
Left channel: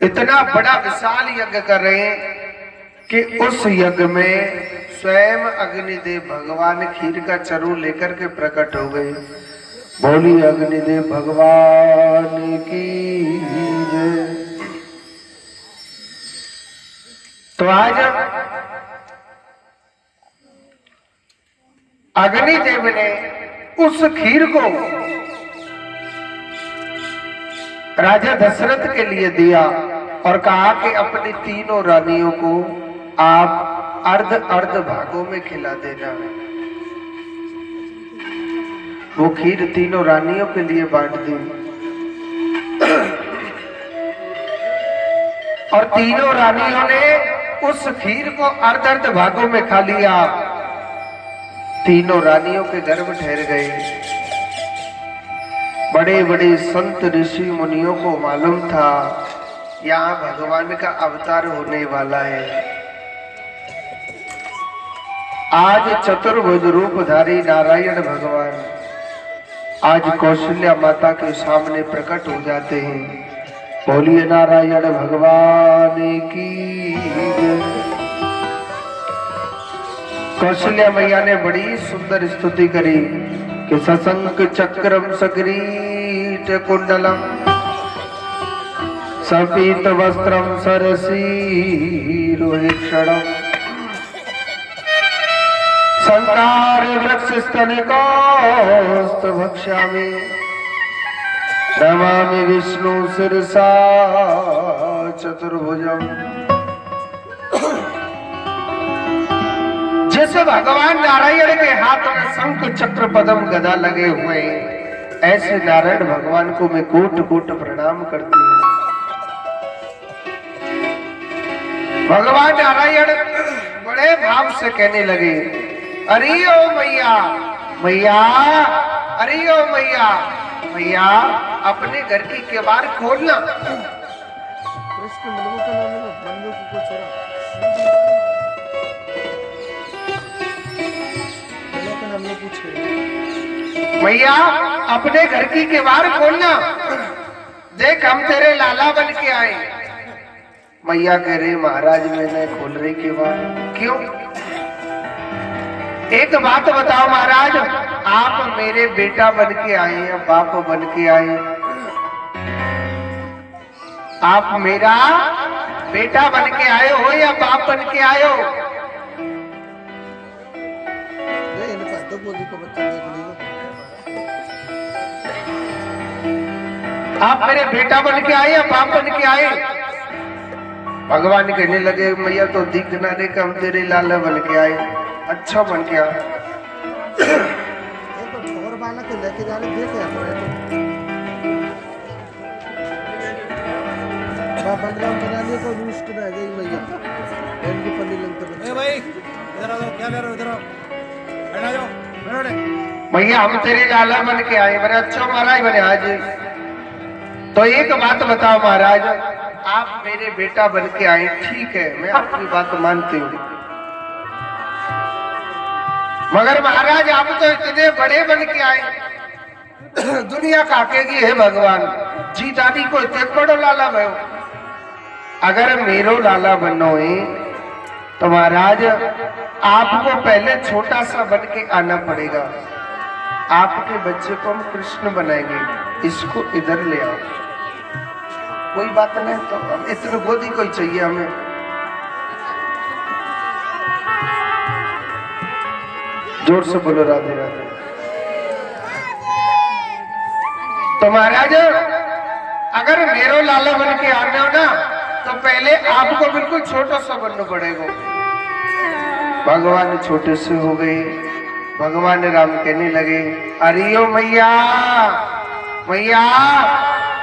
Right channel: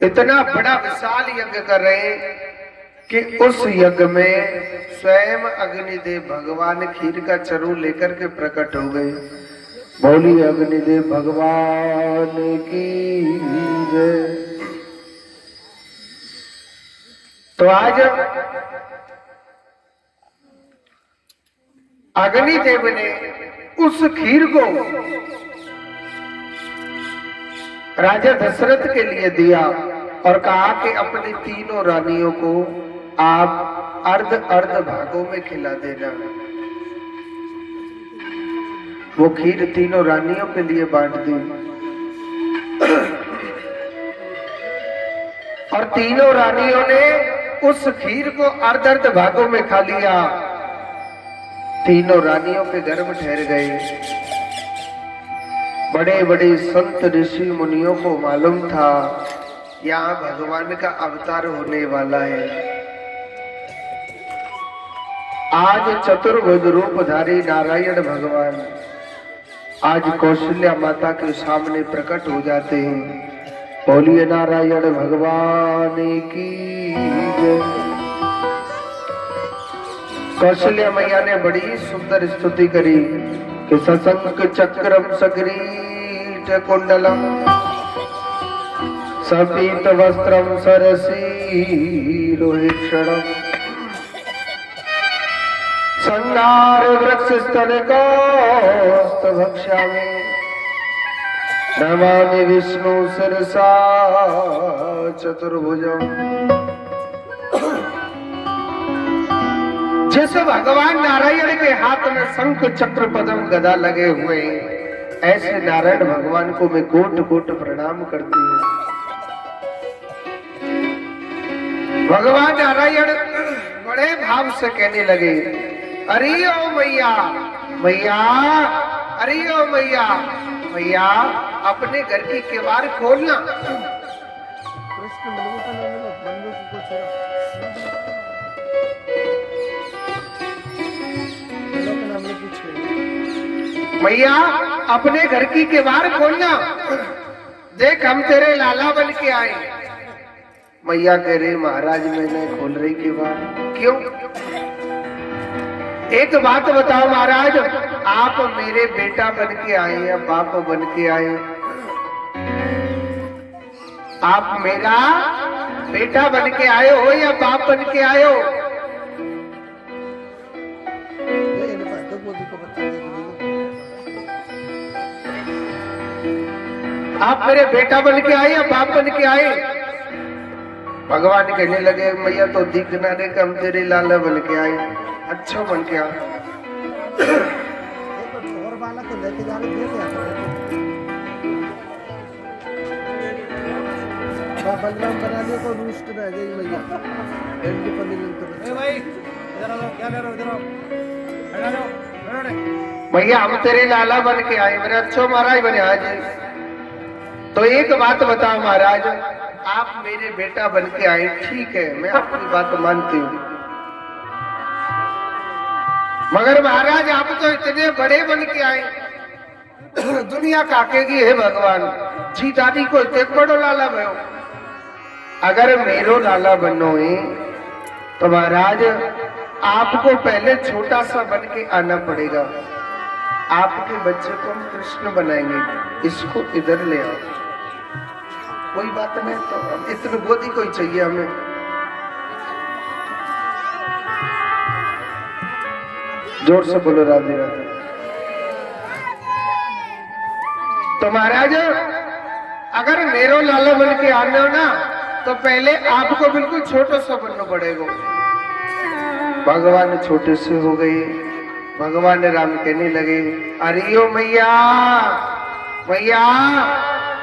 इतना बड़ा विशाल यज्ञ कर रहे हैं कि उस यज्ञ में स्वयं अग्निदेव भगवान खीर का चरू लेकर के प्रकट हो गए। बोली अग्निदेव भगवान की जय। तो आज अग्निदेव ने उस खीर को राजा दशरथ के लिए दिया और कहा कि अपनी तीनों रानियों को आप अर्ध अर्ध भागों में खिला देना। वो खीर तीनों रानियों के लिए बांट दी और तीनों रानियों ने उस खीर को अर्ध अर्ध भागों में खा लिया। तीनों रानियों के गर्भ ठहर गए। बड़े बड़े संत ऋषि मुनियों को मालूम था यहाँ भगवान का अवतार होने वाला है। आज चतुर्भुज रूपधारी नारायण भगवान आज कौशल्या माता के सामने प्रकट हो जाते हैं। बोलिए नारायण भगवान की जय। कौशल्या मैया ने बड़ी सुंदर स्तुति करी कि सशंक चक्रम सग्रीट कुंडलम सपीत वस्त्रम सरसी रोहिक्षणम संहार वृक्ष स्तन कौस्त भक्ष्यामि नमामि विष्णु शिरसा चतुर्भुजम। जैसे भगवान नारायण के हाथ में शंख चक्र पद्म गदा लगे हुए हैं, ऐसे नारायण भगवान को मैं कोट कोट प्रणाम करती हूँ। भगवान नारायण बड़े भाव से कहने लगे, अरे ओ मैया मैया, अरे ओ मैया मैया, अपने घर की किवाड़ खोलना। कृष्ण मृगों का नाम है, बंदों को छोड़ा, का नाम पूछे। मैया अपने घर की किवाड़ खोलना, देख हम तेरे लाला बन के आए। मैया कह रही महाराज मैं नहीं खोल रही के बाद। क्यों? एक बात बताओ महाराज, आप मेरे बेटा बन के आए या बाप बन के आए? आप मेरा बेटा बन के आए हो या बाप बन के आए हो? आप मेरे बेटा बन के आए या बाप बन के आए? भगवान कहने लगे मैया तो दिखना रे कम तेरे लाला बन के आए। अच्छा बन के आए। और बालक के लेके जा रहे देखे आप रहे तो बलराम बना लियो को रूस्ट में आ गई मैया की पन्नी लगते बच्चे भाई इधर आओ क्या ले रहे हो इधर आओ बैठ जाओ मैया हम तेरे लाला बन के आए। मैंने अच्छा महाराज बने आज। तो एक बात बताओ महाराज, आप मेरे बेटा बन के आए, ठीक है मैं आपकी बात मानती हूँ, मगर महाराज आप तो इतने बड़े बन के आए, दुनिया काकेगी है भगवान जी दादी को इतने बड़ो लाला भयो। अगर मेरो लाला बनो है तो महाराज आपको पहले छोटा सा बन के आना पड़ेगा। आपके बच्चे को हम कृष्ण बनाएंगे, इसको इधर ले आओ। कोई बात नहीं, तो हम इतनी गोदी कोई चाहिए हमें। जोर से बोलो राधे राधे। तो महाराज अगर मेरो लाला बन के आने हो ना तो पहले आपको बिल्कुल छोटा सा बनना पड़ेगा। भगवान छोटे से हो गए। भगवान राम कहने लगे अरे ओ मैया मैया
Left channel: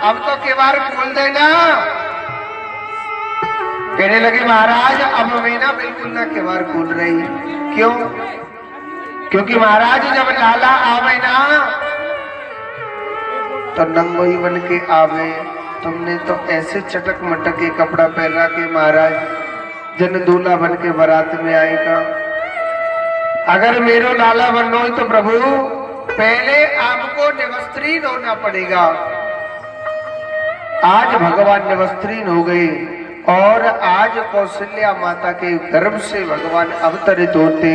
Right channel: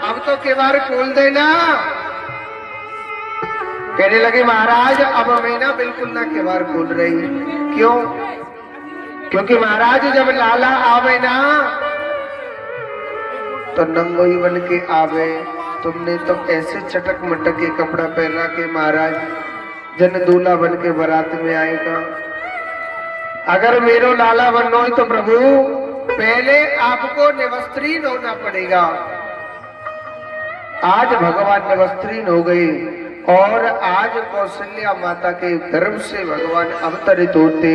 अब तो केवाड़ खोल देना। कहने लगे महाराज अब मैं ना बिल्कुल ना केवाड़ खोल रही। क्यों? क्योंकि महाराज जब लाला आवे ना तो नंगोई बन के आवे। तुमने तो ऐसे चटक मटक के कपड़ा पहना के महाराज जन दूल्हा बन के बारात में आएगा। अगर मेरो लाला बनना हो तो प्रभु पहले आपको निवस्त्रीन होना पड़ेगा। आज भगवान निवस्त्रीन हो गए और आज कौशल्या माता के गर्भ से भगवान अवतरित होते।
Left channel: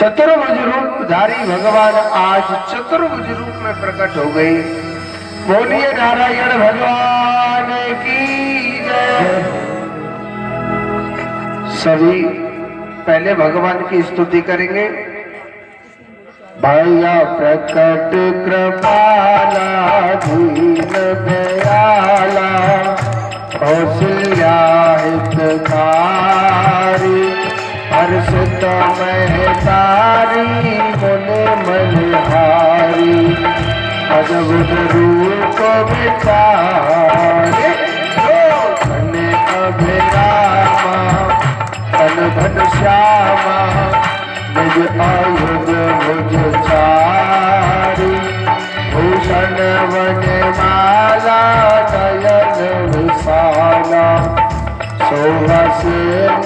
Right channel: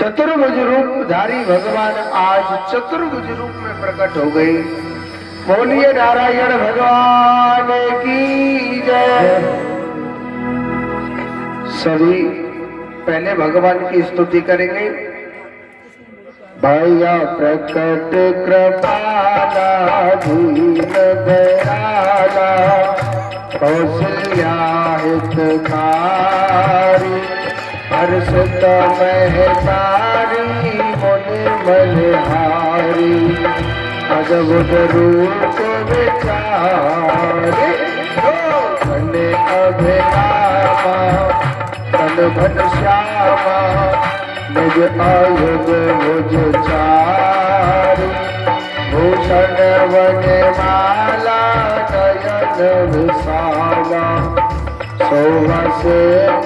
चतुर्भुज रूप धारी भगवान आज चतुर्भुज रूप में प्रकट हो गए। बोलिए नारायण भगवान की जय। सभी पहले भगवान की स्तुति करेंगे। भैया प्रकट कृपाला दीन दयाला कौशल्या हितकारी हर्षित महतारी मुनि मनहारी अद्भुत रूप विचारे धन अभिरामा तन घन श्यामा निज आयुध निज चारी भूषण वन माला नयन विशाला शोभा से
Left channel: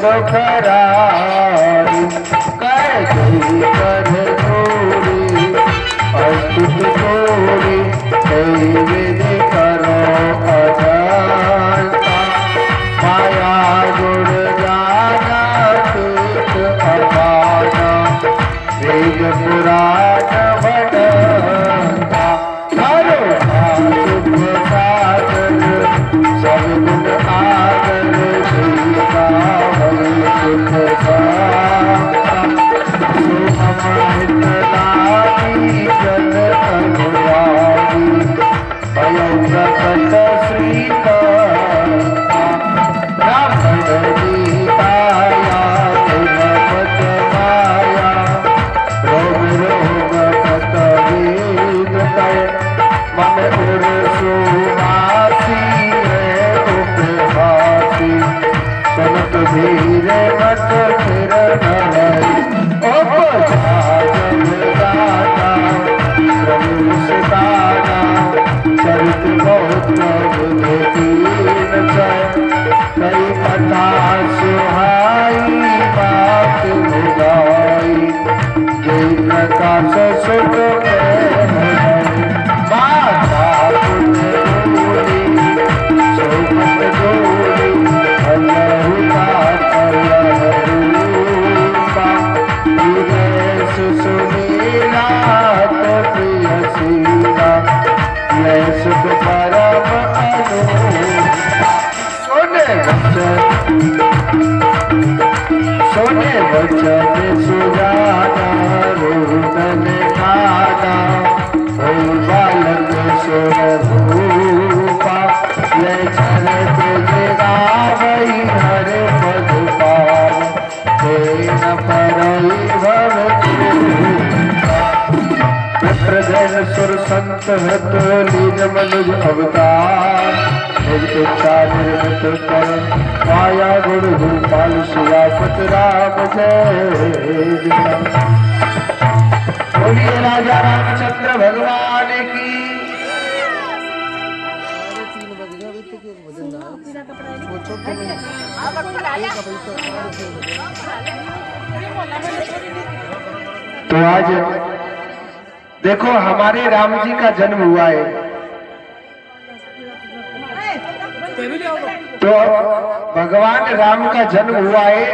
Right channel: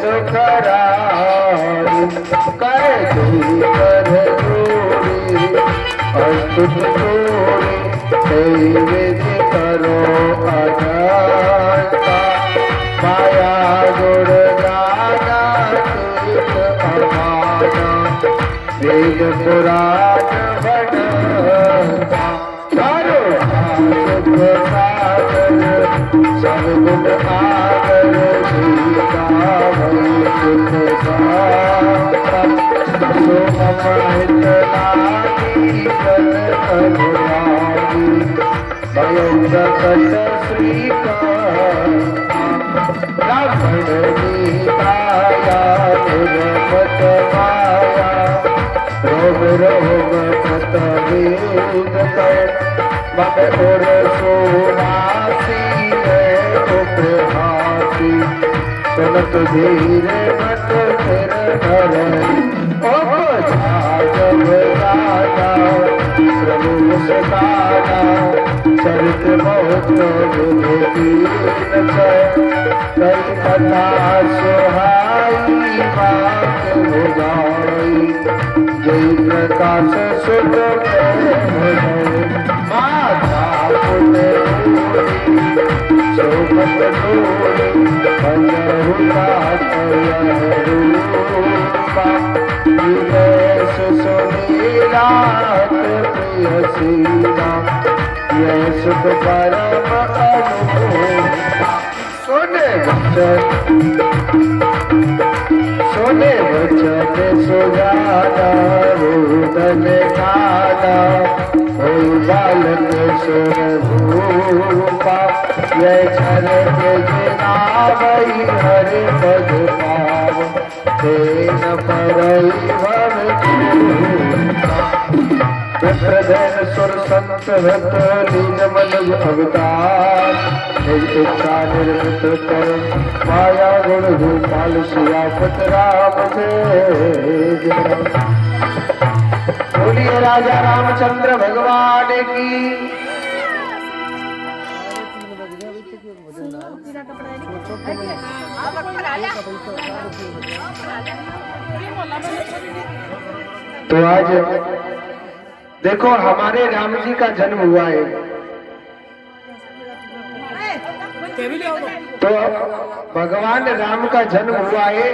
दुखरारी कैदी कर दूरी अस्तुत दूरी विधि करो अजानता माया गुण जाना तीत अपाना वेद पुराण भटता करो सुख सागर सब गुण आगर सीता वही सुख साता सुमहित लागी जन अनुरागी स्वयं प्रकट श्रीकांता ब्राह्मण नीताया निर्मत माया रोग रोग कत वेद कर मन उर सुहासी उपहासी सुनत धीर मत फिर धरई चरित बहुत कई कथा सुहाई बात भुलाई जय प्रकाश सुख माता पुत्र शोभत डोरी सोने वचन सुजाता रोदन ठाता हो बालक स्वरूपा ये चरत जगावई हर पद पाव तेन परई भव प्रधन सुर संत हत लीन मनुज अवतार निज इच्छा निर्मित कर माया गुण भूपाल सियापत राम जय। बोलिए राजा रामचंद्र भगवान की। तो आज देखो हमारे राम जी का जन्म हुआ है, तो भगवान राम का जन्म हुआ है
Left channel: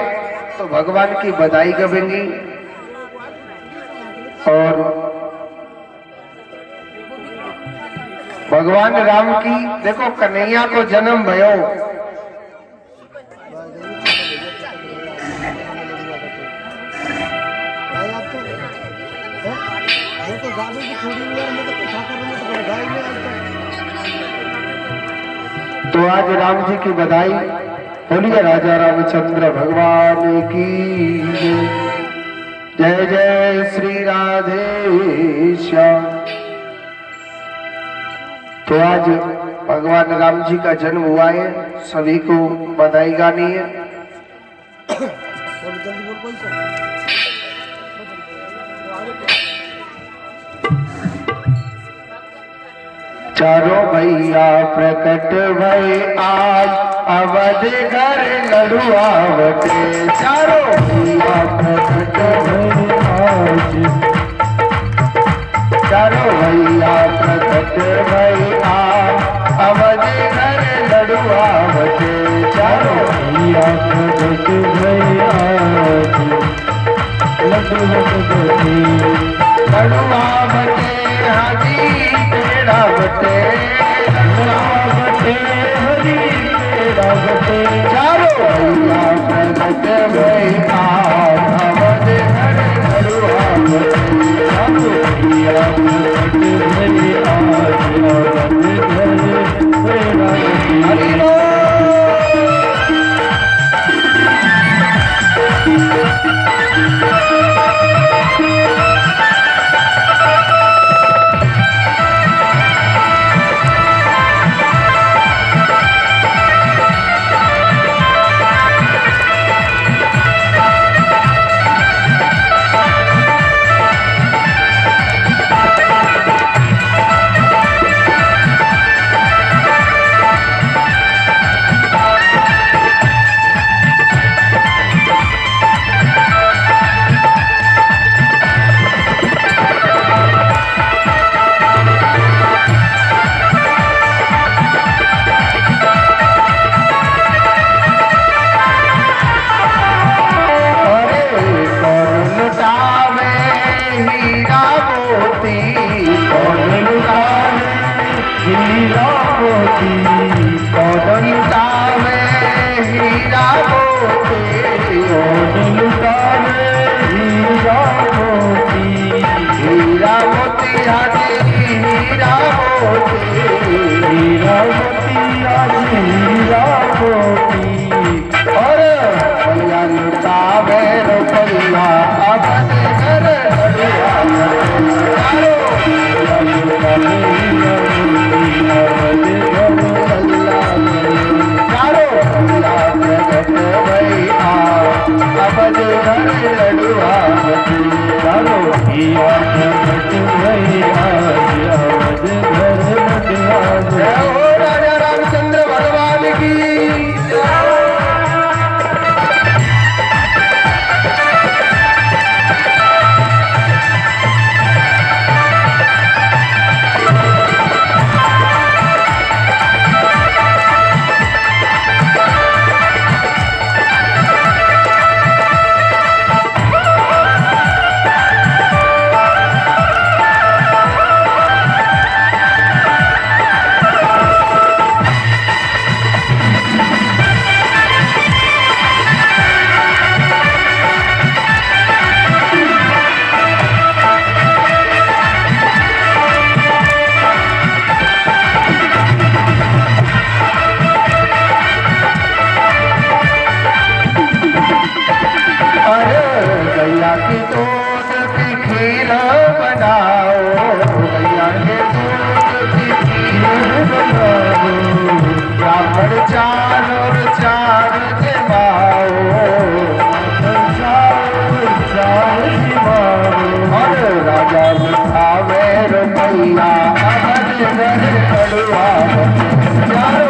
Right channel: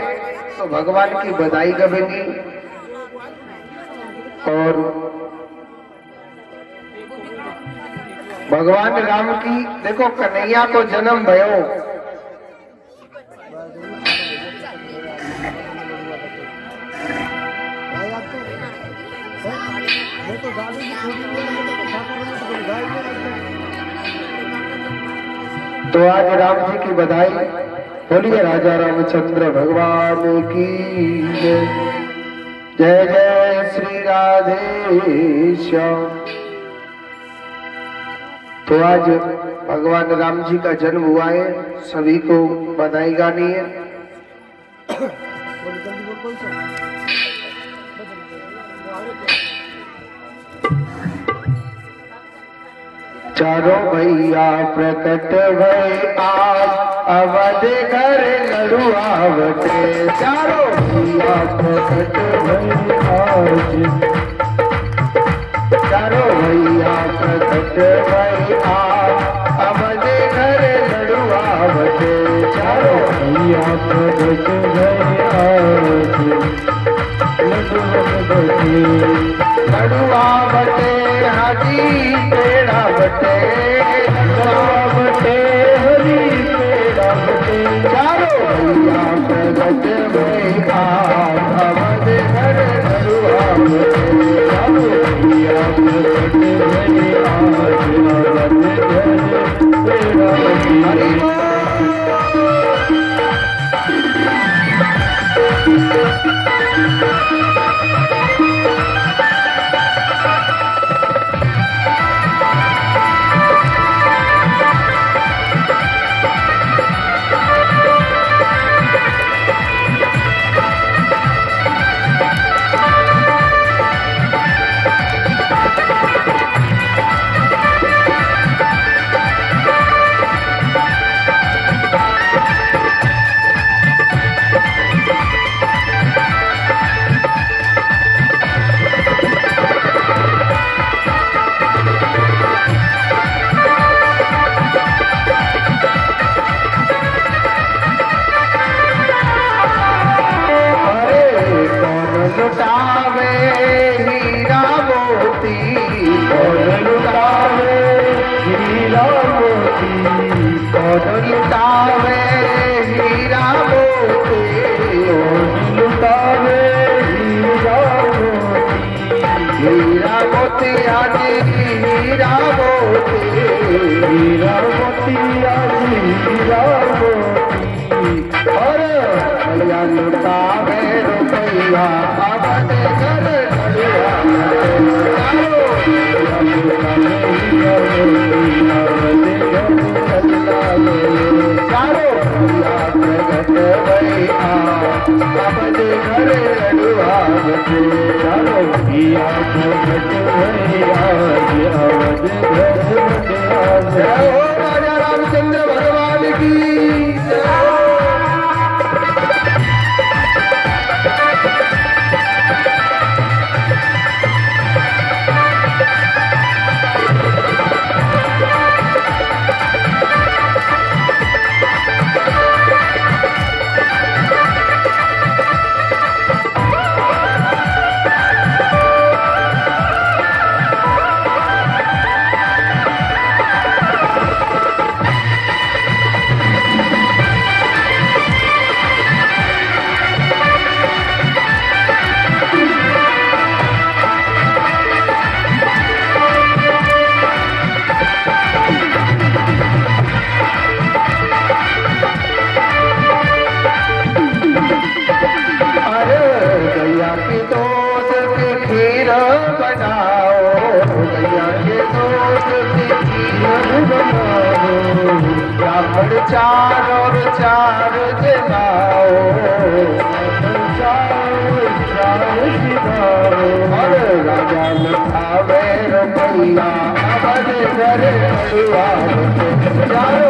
तो भगवान की बधाई गवेंगी। और भगवान राम की देखो कन्हैया को जन्म भयो तो आज राम जी की बधाई। बोलिए राजा रामचंद्र भगवान की जय। जय जय श्री राधे श्याम। तो आज भगवान राम जी का जन्म हुआ है, सभी को बधाई गानी है। चारों भैया प्रकट भय आज अवध घर लड़ुआवटे। चारों भैया प्रकट भय आज, चारों भैया प्रकट भय आज अवध घर लड़ुआवटे। चारों भैया प्रकट भय आज लड़ुआवटे हाजी तेरा बटे हरी तेरा बटे। चारों भैया प्रगट में आज अवध घर लड़ुआवटे। चारों भैया प्रगट में आज अवध घर हरी राजा रामचंद्र भगवान की। भगवान और चार जमाओ और राजा लिखावे रमैया अगल जर कड़ुआ चारो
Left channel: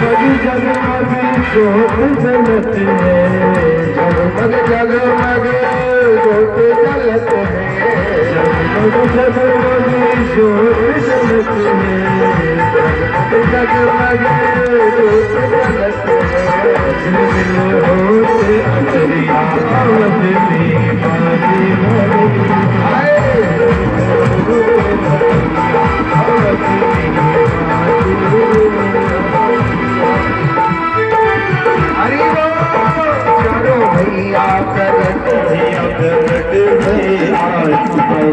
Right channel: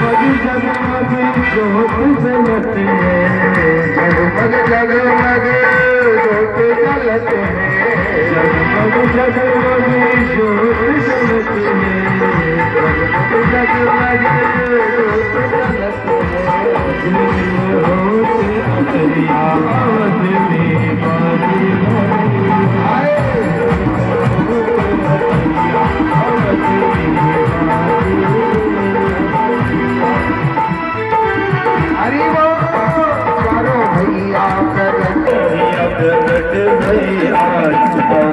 हरि जगमग जोत जलते हैं जगमग जगमग जोत जलते हैं जगमग जगमग जोत जलते हैं जगमग जोत जलते हैं होते अतरिया अवध में बाजी हरि चारो भैया प्रगट भैया अवध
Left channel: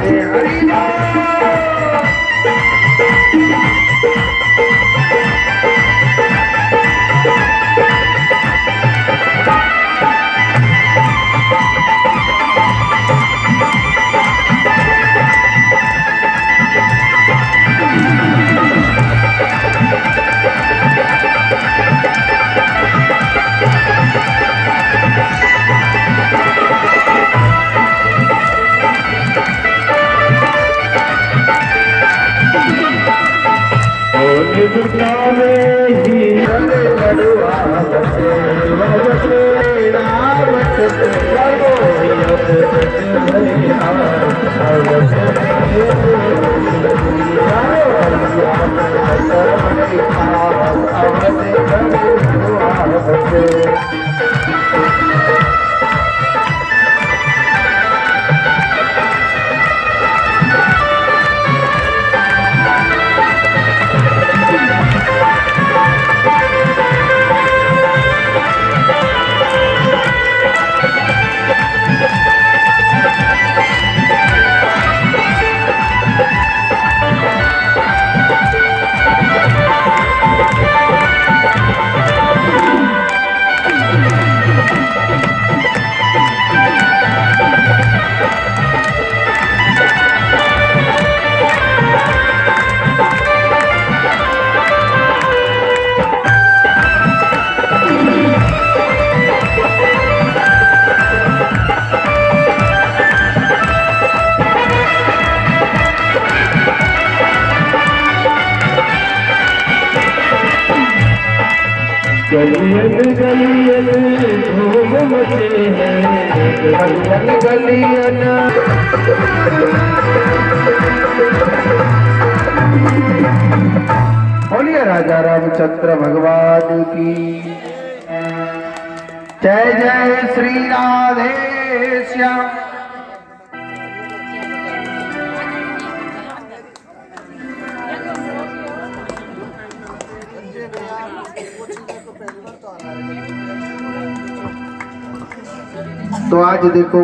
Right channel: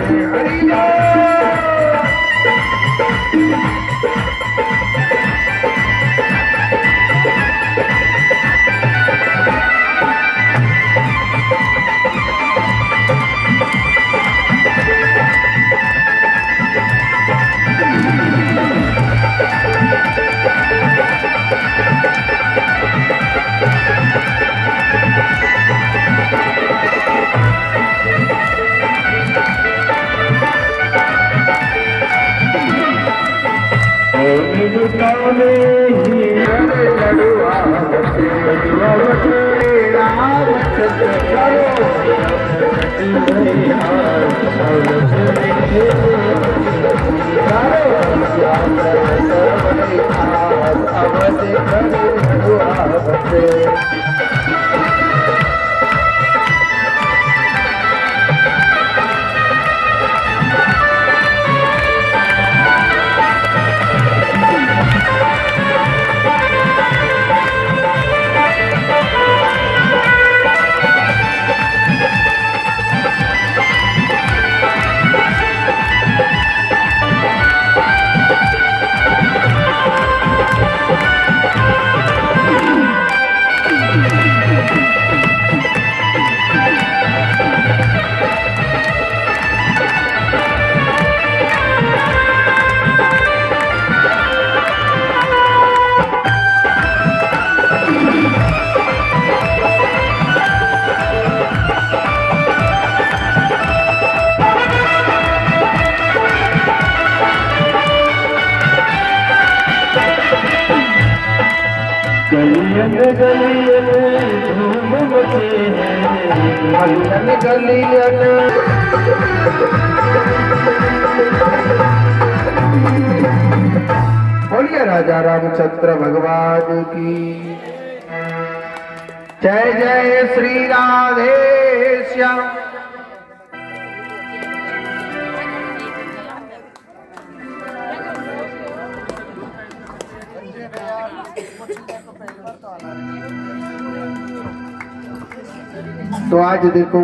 घर गलियन गलियन धूम मचे हैं गलियन गलियन बोलिए राजा रामचंद्र भगवान की जय जय श्री राधे श्याम। तो आज देखो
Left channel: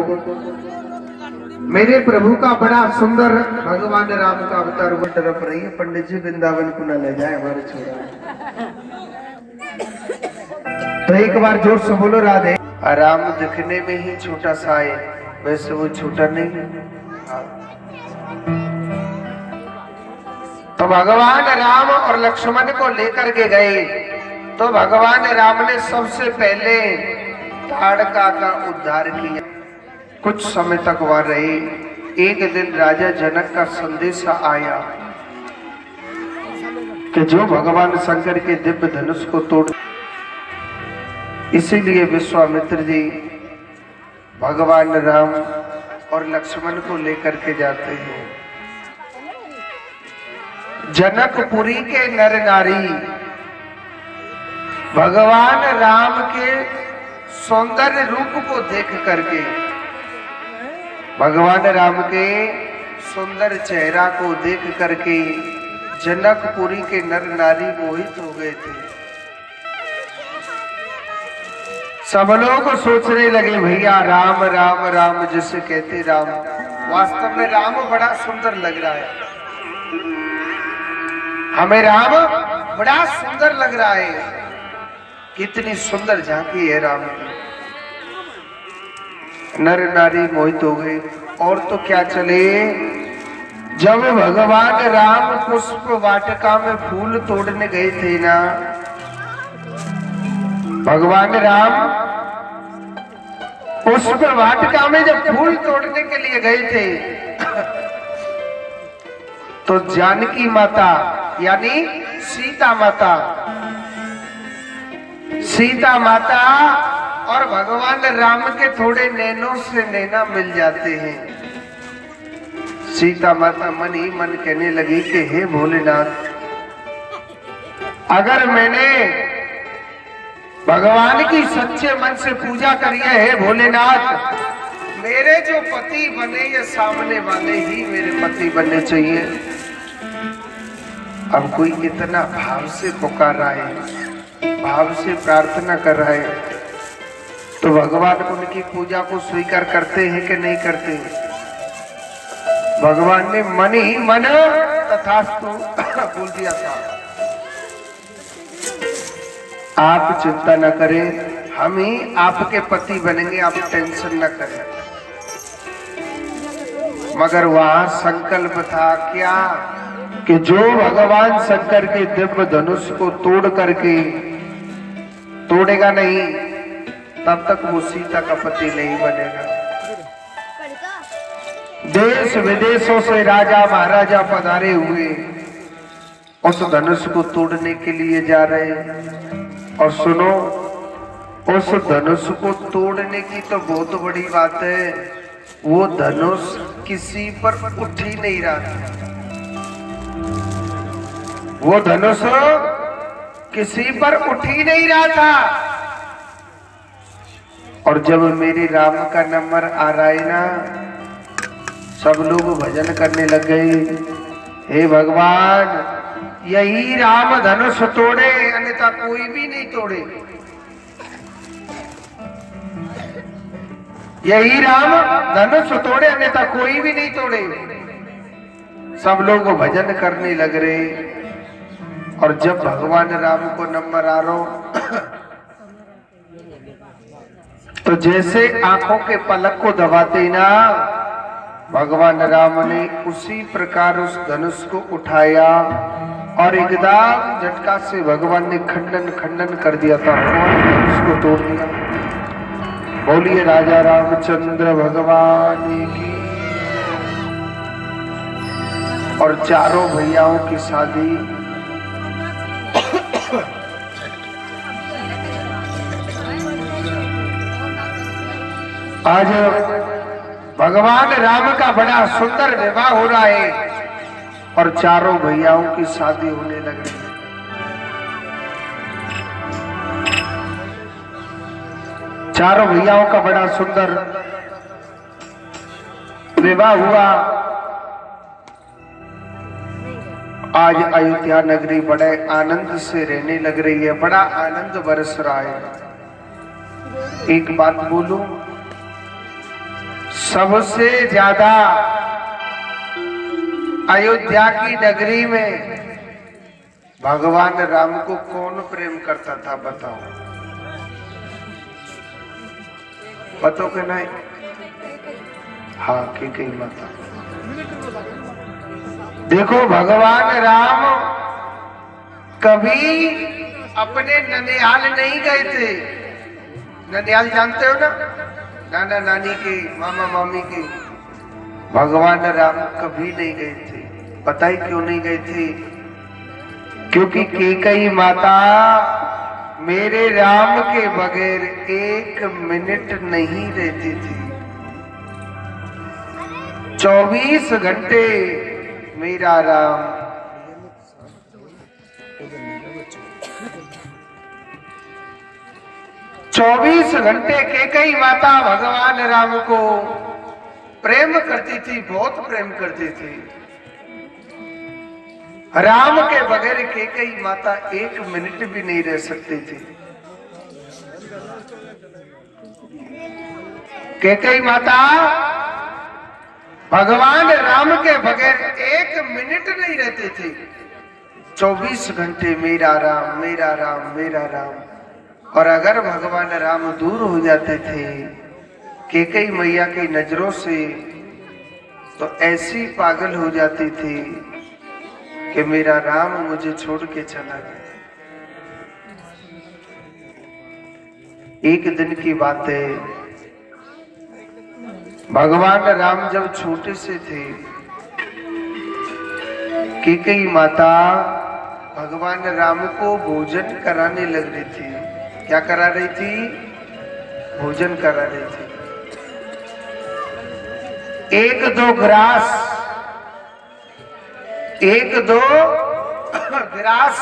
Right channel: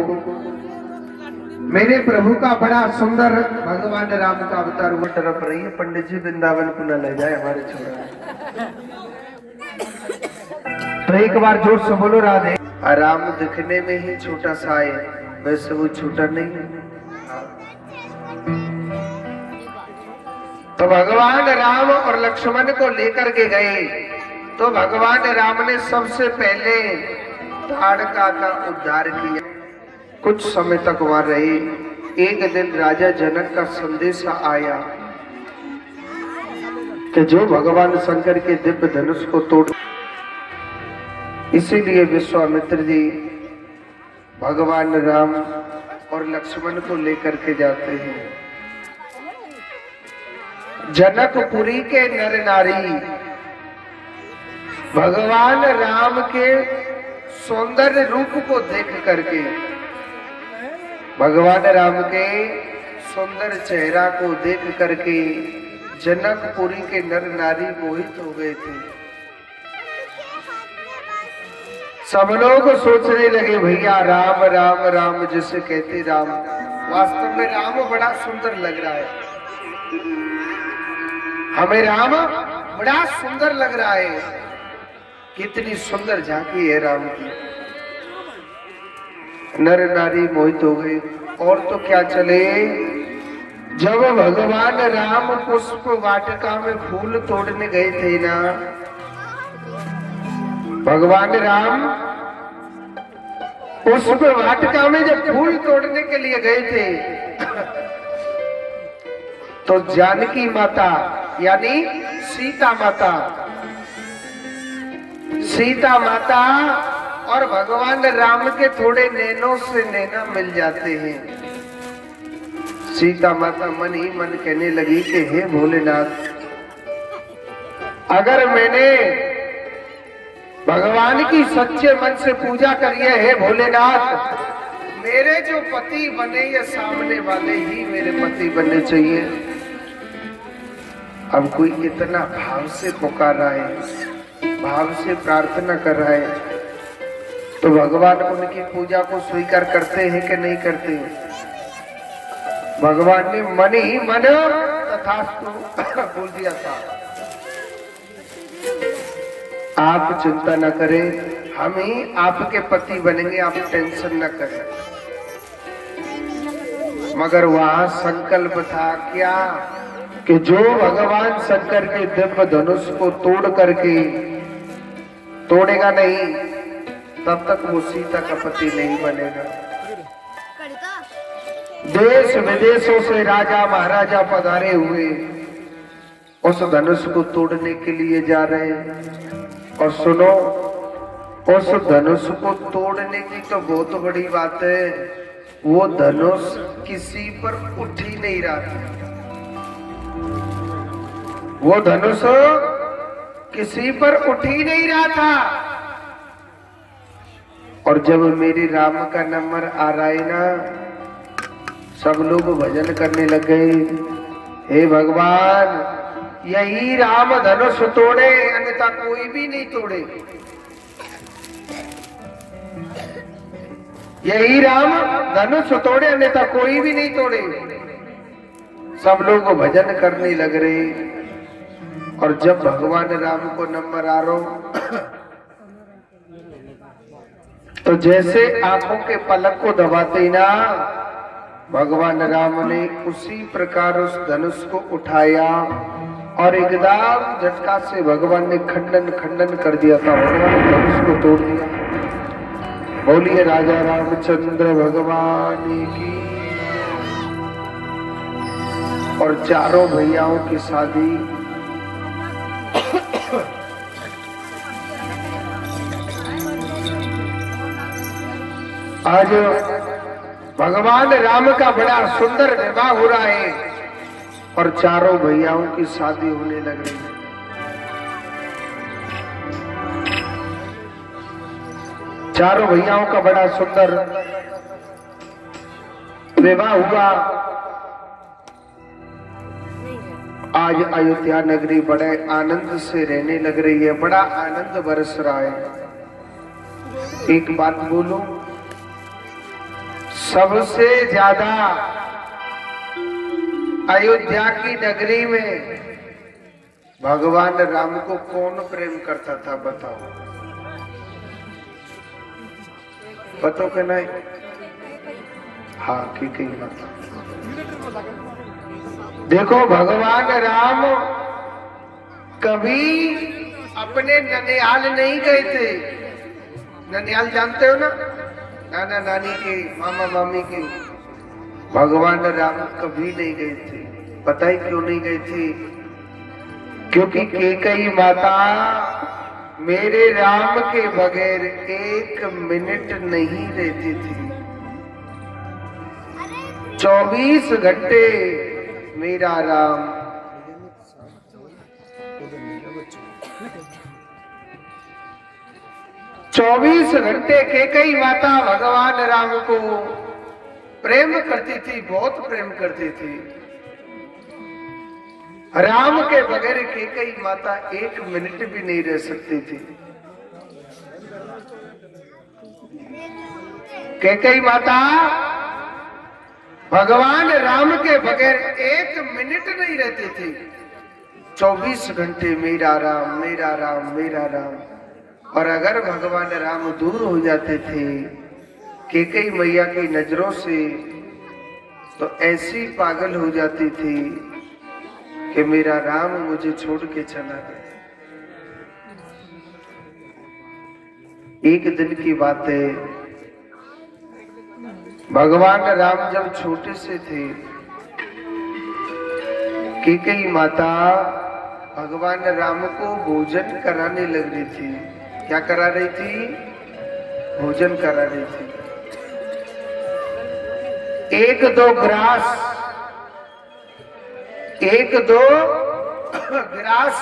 मेरे प्रभु का बड़ा सुंदर भगवान राम का अवतार वो तरफ रही है। पंडित जी वृंदावन को न ले जाए हमारे छोड़ा। तो एक बार जोर से बोलो राधे। राम दिखने में ही छोटा सा है, वैसे वो छोटा नहीं है। तो भगवान राम और लक्ष्मण को लेकर के गए तो भगवान राम ने सबसे पहले ताड़का का उद्धार किया। कुछ समय तक वहां रहे। एक दिन राजा जनक का संदेश आया कि जो भगवान शंकर के दिव्य धनुष को तोड़, इसीलिए विश्वामित्र जी भगवान राम और लक्ष्मण को लेकर के जाते हैं। जनकपुरी के नर नारी भगवान राम के सौंदर्य रूप को देख करके, भगवान राम के सुंदर चेहरा को देख करके जनकपुरी के नर नारी मोहित हो गए थे। सब लोग सोचने लगे भैया राम राम राम जिसे कहते राम, वास्तव में राम बड़ा सुंदर लग रहा है, हमें राम बड़ा सुंदर लग रहा है। कितनी सुंदर झांकी है राम की। नर नारी मोहित हो गए। और तो क्या चले, जब भगवान राम पुष्प वाटिका में फूल तोड़ने गए थे ना, भगवान राम पुष्प वाटिका में जब फूल तोड़ने के लिए गए थे, तो जानकी माता यानी सीता माता और भगवान राम के थोड़े नैनों से नैना मिल जाते हैं। सीता माता मन ही मन कहने लगी कि हे भोलेनाथ, अगर मैंने भगवान की सच्चे मन से पूजा करी है, हे भोलेनाथ, मेरे जो पति बने ये सामने वाले ही मेरे पति बनने चाहिए। अब कोई इतना भाव से पुकार रहा है, भाव से प्रार्थना कर रहा है, तो भगवान उनकी पूजा को स्वीकार करते हैं कि नहीं करते हैं? भगवान ने मन ही मन तथास्तु बोल दिया था। आप चिंता न करें, हम ही आपके पति बनेंगे, आप टेंशन न करें। मगर वहां संकल्प था क्या कि जो भगवान शंकर के दिव्य धनुष को तोड़ करके तोड़ेगा नहीं, तब तक वो सीता का पति नहीं बनेगा। देश विदेशों से राजा महाराजा पधारे हुए उस धनुष को तोड़ने के लिए जा रहे हैं। और सुनो, उस धनुष को तोड़ने की तो बहुत बड़ी बात है, वो धनुष किसी पर उठ ही नहीं रहा था। वो धनुष किसी पर उठ ही नहीं रहा था। और जब मेरे राम का नंबर आ रहा है ना, सब लोग भजन करने लग गए, हे भगवान यही राम धनुष तोड़े, अन्यथा कोई भी नहीं तोड़े। यही राम धनुष तोड़े, अन्यथा कोई भी नहीं तोड़े। सब लोग भजन करने लग रहे। और जब भगवान राम को नंबर आ रहा, तो जैसे आंखों के पलक को दबाते ना, भगवान राम ने उसी प्रकार उस धनुष को उठाया और एकदम झटका से भगवान ने खंडन खंडन कर दिया था। भगवान ने धनुष को तोड़ दिया। बोलिए राजा रामचंद्र भगवान की। और चारों भैयाओं की शादी आज भगवान राम का बड़ा सुंदर विवाह हो रहा है और चारों भैयाओं की शादी होने लगी। चारों भैयाओं का बड़ा सुंदर विवाह हुआ। आज अयोध्या नगरी बड़े आनंद से रहने लग रही है, बड़ा आनंद बरस रहा है। एक बात बोलूं, सबसे ज्यादा अयोध्या की नगरी में भगवान राम को कौन प्रेम करता था? बताओ, बताओ कि नहीं? हाँ की कही माता। देखो, भगवान राम कभी अपने ननिहाल नहीं गए थे। ननिहाल जानते हो ना, नाना नानी के, मामा मामी के। भगवान राम कभी नहीं गए थे। पता ही क्यों नहीं गए थे? क्योंकि कैकेयी माता मेरे राम के बगैर एक मिनट नहीं रहती थी। 24 घंटे मेरा राम। 24 घंटे कैकेयी माता भगवान राम को प्रेम करती थी, बहुत प्रेम करती थी। राम के बगैर कैकेयी माता 1 मिनट भी नहीं रह सकती थी। कैकेयी माता भगवान राम के बगैर 1 मिनट नहीं रहती थी। 24 घंटे मेरा राम, मेरा राम, मेरा राम। और अगर भगवान राम दूर हो जाते थे कैकेयी मैया की नजरों से, तो ऐसी पागल हो जाती थी कि मेरा राम मुझे छोड़ के चला गया। एक दिन की बात है, भगवान राम जब छोटे से थे, कैकेयी माता भगवान राम को भोजन कराने लग रही थी। क्या करा रही थी? भोजन करा रही थी। 1-2 ग्रास, 1-2 ग्रास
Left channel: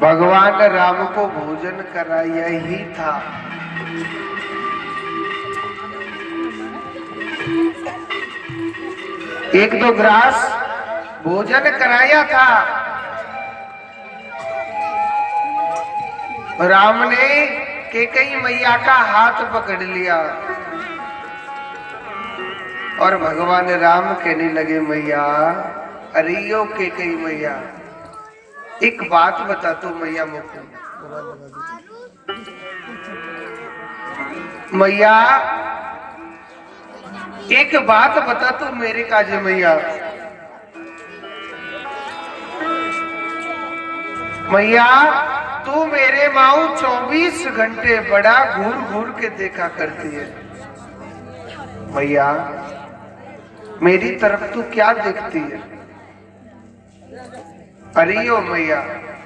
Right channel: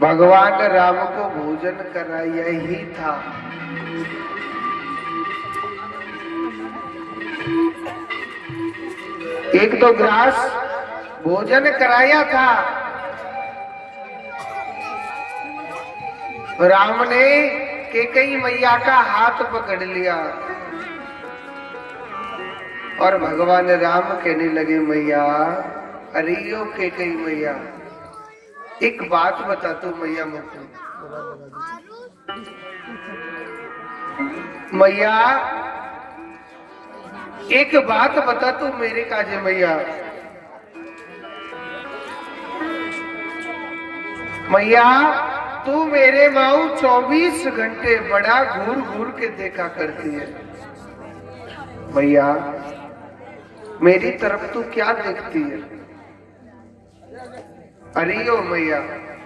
भगवान राम को भोजन कराया ही था। एक दो ग्रास भोजन कराया था। राम ने कैकेयी मैया का हाथ पकड़ लिया और भगवान राम कहने लगे, मैया, अरे यो कैकेयी मैया, एक बात बता तू मैया मुझको। मैया एक बात बता तू मेरे काजे मैया। मैया तू मेरे माऊ 24 घंटे बड़ा घूर घूर के देखा करती है। मैया मेरी तरफ तू क्या देखती है? अरे ओ मैया,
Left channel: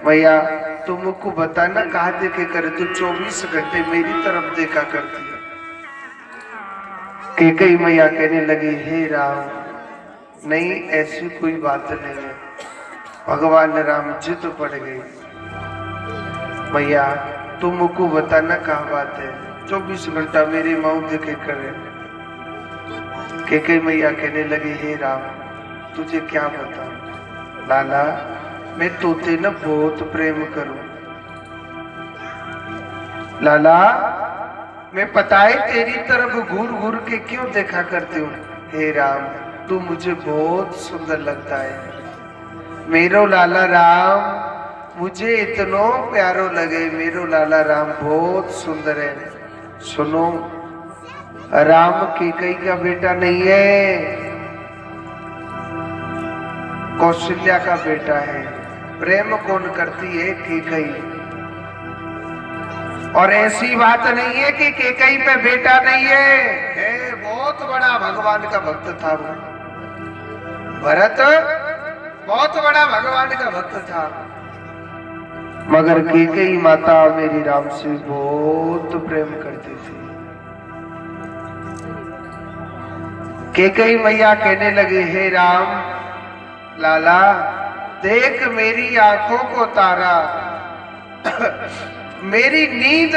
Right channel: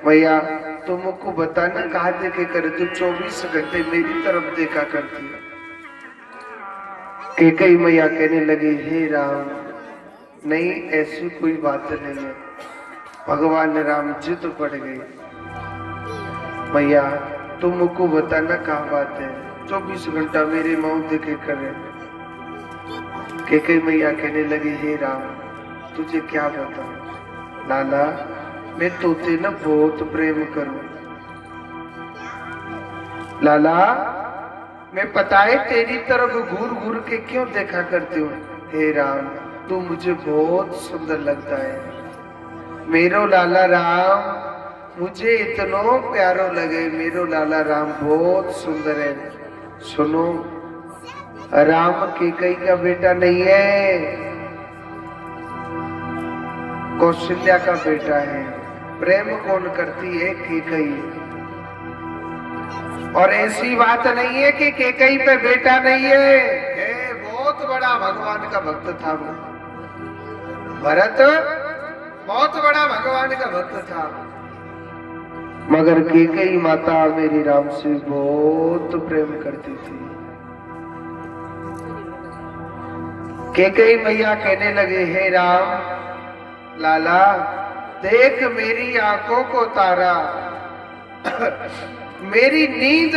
मैया तू मुझको बताना कहाँ देखे करे, तू 24 घंटे मेरी तरफ देखा करती है। कैकेयी मैया कहने लगी, हे राम, नहीं ऐसी कोई बात नहीं है। भगवान राम जिद पड़ गई, मैया तुम मुझको बताना कहाँ बात है, 24 घंटा मेरे माऊ देखे करे। कैकेयी मैया कहने लगी, हे राम तुझे क्या बताऊं? लाला मैं तोते न बहुत प्रेम करूं। लाला मैं पता है तेरी तरफ घूर घूर के क्यों देखा करती हूँ। हे राम तू मुझे बहुत सुंदर लगता है। मेरो लाला राम मुझे इतना प्यारो लगे, मेरो लाला राम बहुत सुंदर है। सुनो, राम कैकेयी का बेटा नहीं है, कौशल्या का बेटा है। प्रेम कौन करती है? कैकेयी। और ऐसी बात नहीं है कि कैकेयी पे बेटा नहीं है, बहुत बड़ा भगवान का भक्त था वो। भरत बहुत बड़ा भगवान का भक्त था, मगर कैकेयी माता मेरी राम से बहुत प्रेम करती थी। कैकेयी मैया कहने लगे, हे राम, लाला देख मेरी आंखों को तारा, मेरी नींद,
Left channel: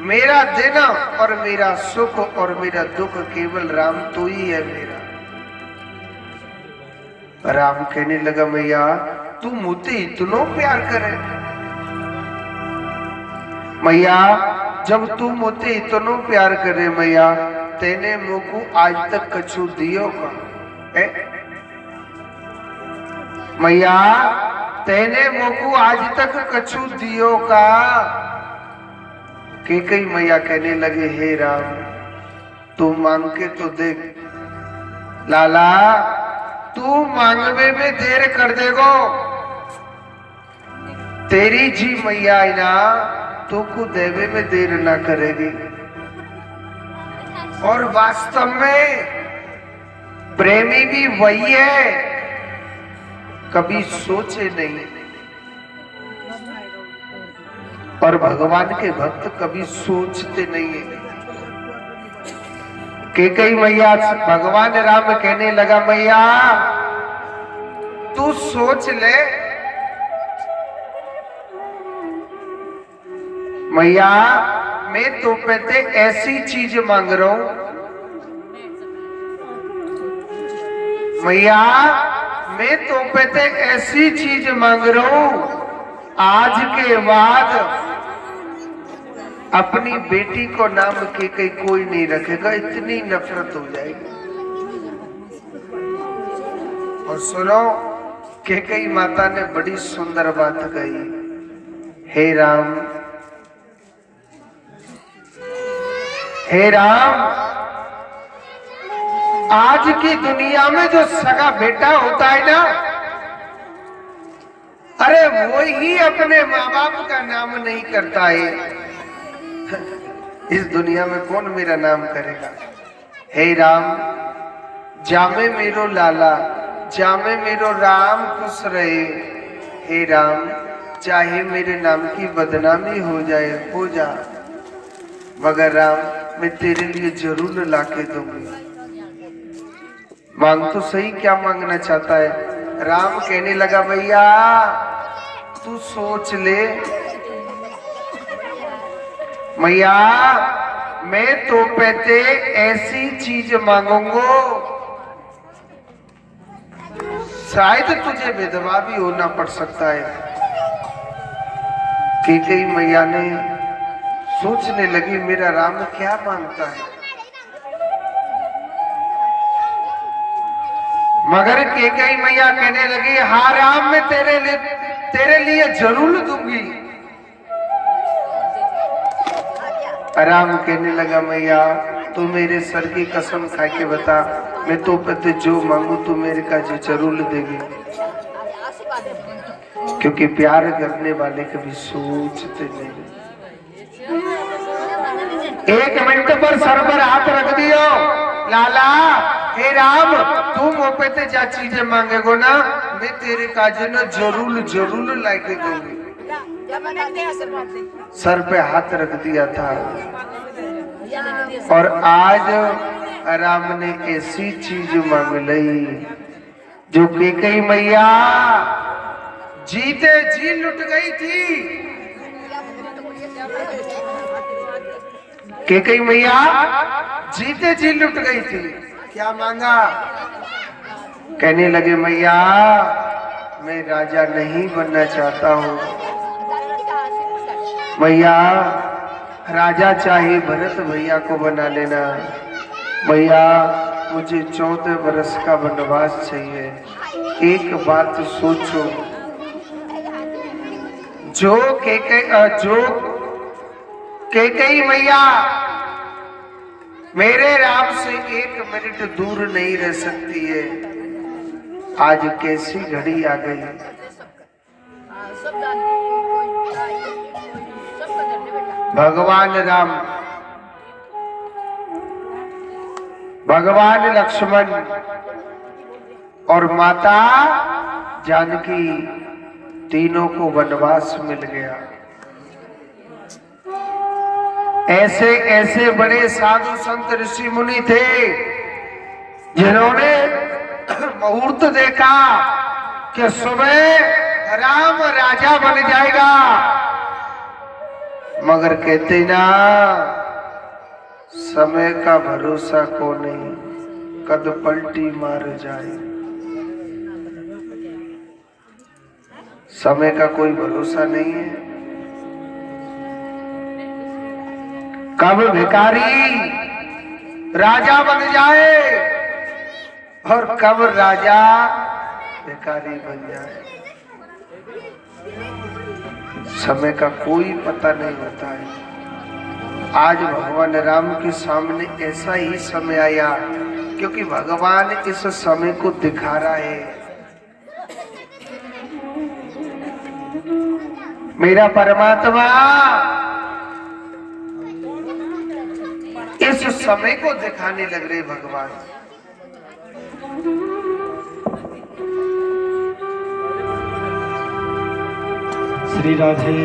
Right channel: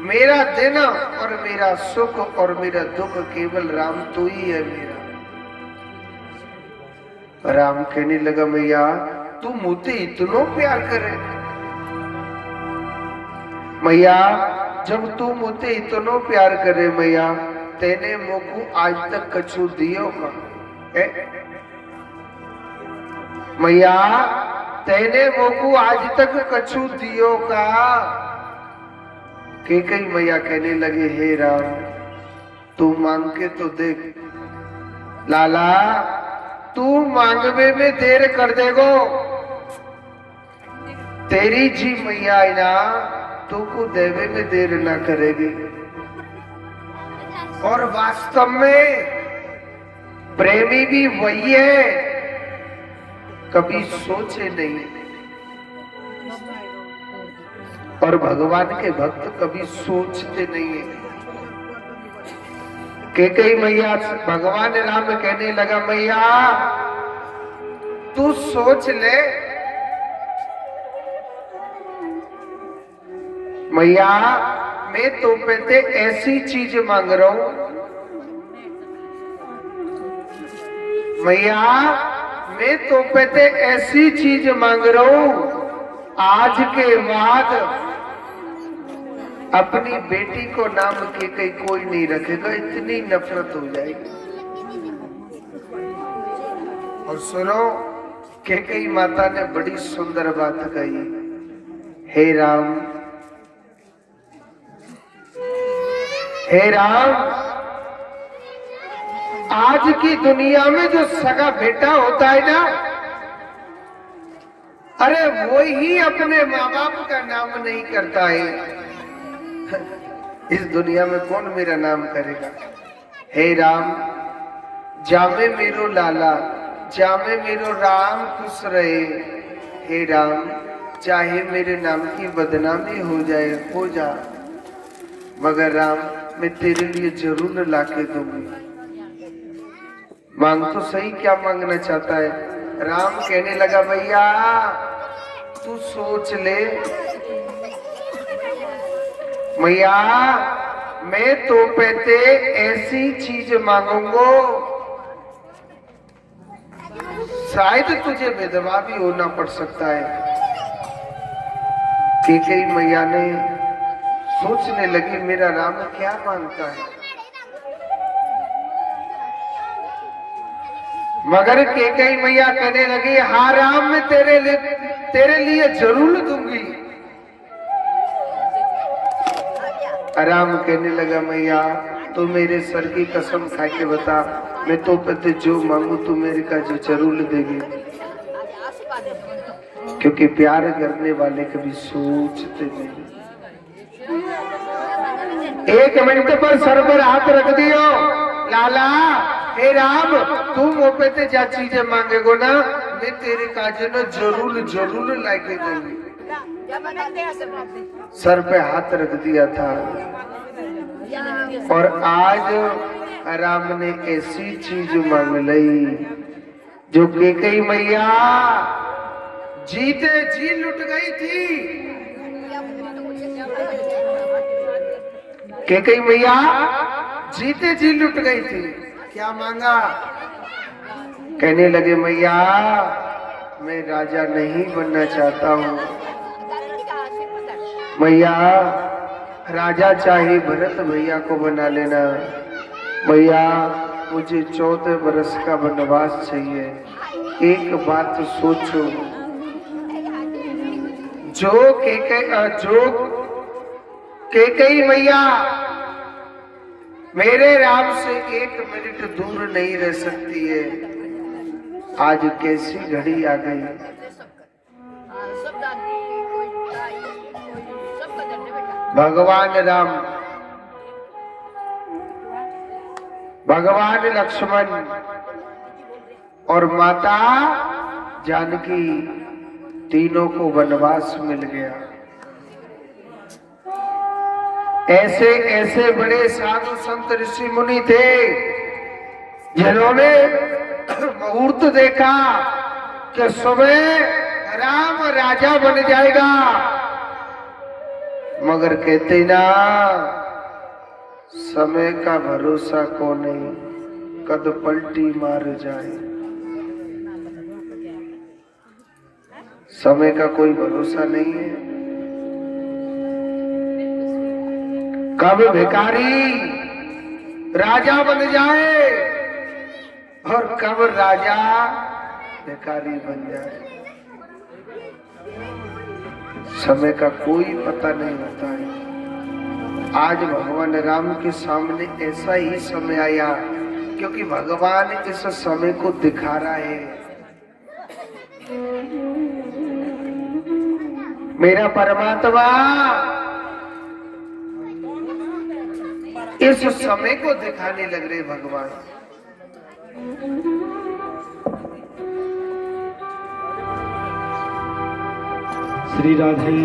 मेरा दिन और मेरा सुख और मेरा दुख केवल राम तू ही है मेरा। राम कहने लगा, मैया तू मुझे इतना प्यार करे। मैया जब तू मुझे इतना प्यार करे, मैया तेने मुझको आज तक कछु दियो का? मैया तेने मुझको आज तक कछु दियो का? कैकेयी मैया कहने लगे, हे राम तू मांग के तो देख। लाला तू मांगवे में देर कर देगो, तेरी जी मैया है ना, तू को देवे में देर ना करेगी। और वास्तव में प्रेमी भी वही है, कभी सोचे नहीं। और भगवान के भक्त कभी सोचते नहीं है। कैकेयी मैया भगवान राम कहने लगा, मैया तू सोच ले, मैया मैं तो पे ऐसी चीज मांग रहा हूं, मैया मैं तो पे ऐसी चीज मांग रहा हूं, आज के बाद अपनी बेटी को नाम कैकेयी कोई नहीं रखेगा, इतनी नफरत हो जाएगी। और सुनो, कैकेयी माता ने बड़ी सुंदर बात कही, हे राम, हे राम, आज की दुनिया में जो सगा बेटा होता है ना, अरे वो ही अपने माँ बाप का नाम नहीं करता है। इस दुनिया में कौन मेरा नाम करेगा। हे राम, जामे मेरो लाला, जामे मेरो राम खुश रहे। हे राम, चाहे मेरे नाम की बदनामी हो जाए, हो जा, मगर राम मैं तेरे लिए जरूर लाके दूंगी। मांग तो सही, क्या मांगना चाहता है। राम कहने लगा, भैया तू सोच ले, मैया मैं तो पे ऐसी चीज मांगूंगा, शायद तुझे विधवा भी होना पड़ सकता है। कैकेयी मैया ने सोचने लगी, मेरा राम क्या मांगता है। मगर कैकेयी मैया कहने लगी, हाँ राम मैं तेरे लिए जरूर दूंगी। राम कहने लगा, मैया तू मेरे सर की कसम खा के बता, मैं तो पते जो मांगू तू मेरे का जरूर देगी, क्योंकि प्यार करने वाले कभी सोचते नहीं। 1 मिनट पर सर पर हाथ रख दियो, लाला हे राम तू मोपे ते जा चीजें मांगेगो ना, मैं तेरे काजे ना जरूर जरूर लाके दूंगी। सर पे हाथ रख दिया था और आज राम ने ऐसी चीज मांग ली जो कैकेयी मैया जीते जी लुट गई थी। कैकेयी मैया जीते जी लुट गई थी। क्या मांगा? कहने लगे, मैया मैं राजा नहीं बनना चाहता हूँ, मैया राजा चाहे भरत भैया को बना लेना, भैया मुझे 14 बरस का वनवास चाहिए। एक बात सोचो, जो कैकेयी मैया मेरे राम से 1 मिनट दूर नहीं रह सकती है, आज कैसी घड़ी आ गई। भगवान राम, भगवान लक्ष्मण और माता जानकी तीनों को वनवास मिल गया। ऐसे ऐसे बड़े साधु संत ऋषि मुनि थे जिन्होंने मुहूर्त देखा कि सुबह राम राजा बन जाएगा, मगर कहते ना समय का भरोसा को नहीं, कद पलटी मार जाए। समय का कोई भरोसा नहीं है, कब भिखारी राजा बन जाए और कब राजा भिखारी बन जाए, समय का कोई पता नहीं होता है। आज भगवान राम के सामने ऐसा ही समय आया क्योंकि भगवान इस समय को दिखा रहा है। मेरा परमात्मा इस समय को दिखाने लग रहे भगवान। श्री राधे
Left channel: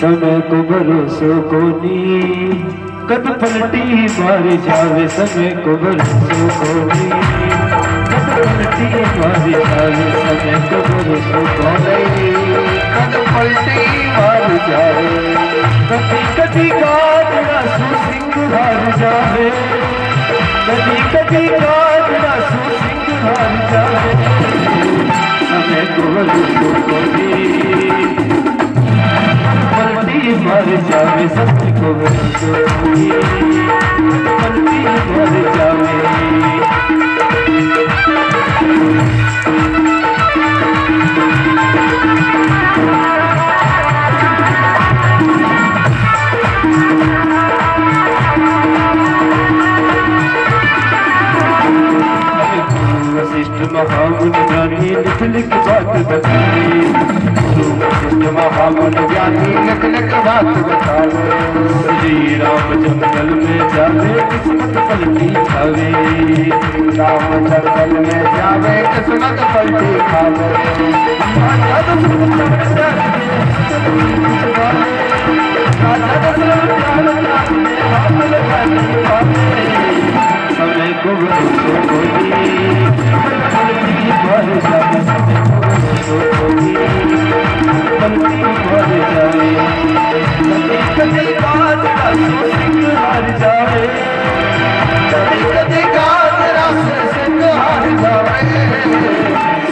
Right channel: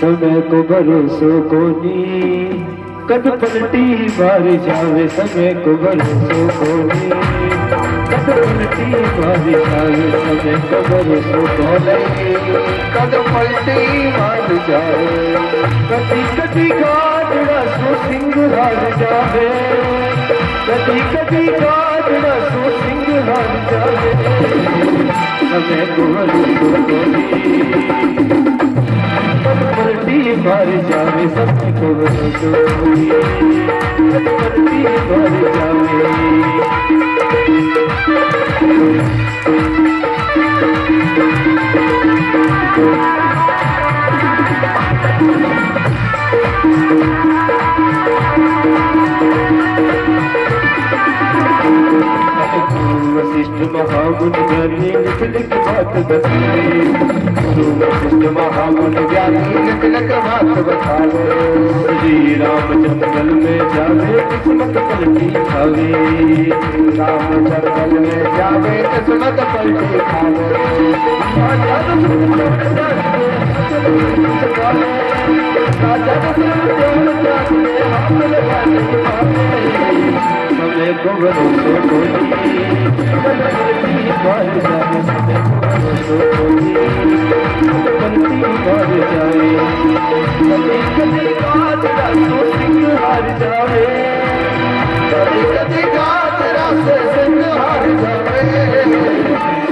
समय को भरोसो कोनी कद पलटी मार जावे समय को भरोसो कोनी कद पलटी मार जावे समय को भरोसो कोनी कद पलटी मार जावे कदी कदी काटना सो सिंह हार जावे कदी कदी काटना सो सिंह हार जावे समय को भरोसो कोनी पलटी मार जावे समय को भरोसो कोनी पलटी मार जावे वशिष्ठ महामुनि ज्ञानी लिख लिख बात बताए वशिष्ठ महामुनि ज्ञानी लिख लिख बात बतावे श्री राम जंगल में जावे किस्मत पलटी खावे राम जंगल में जावे किस्मत पलटी खावे समय को भरोसो कोनी पलटी मार जावे समय को भरोसो कोनी पलटी मार जावे कदी कदी काटना सो सिंह हार जावे कदी कदी काटना सो सिंह हार जावे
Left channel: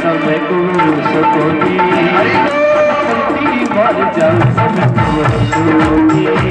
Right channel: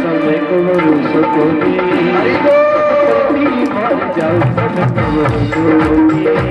समय को भरोसो कोनी हरि बोल पलटी मार जावे समय को भरोसो कोनी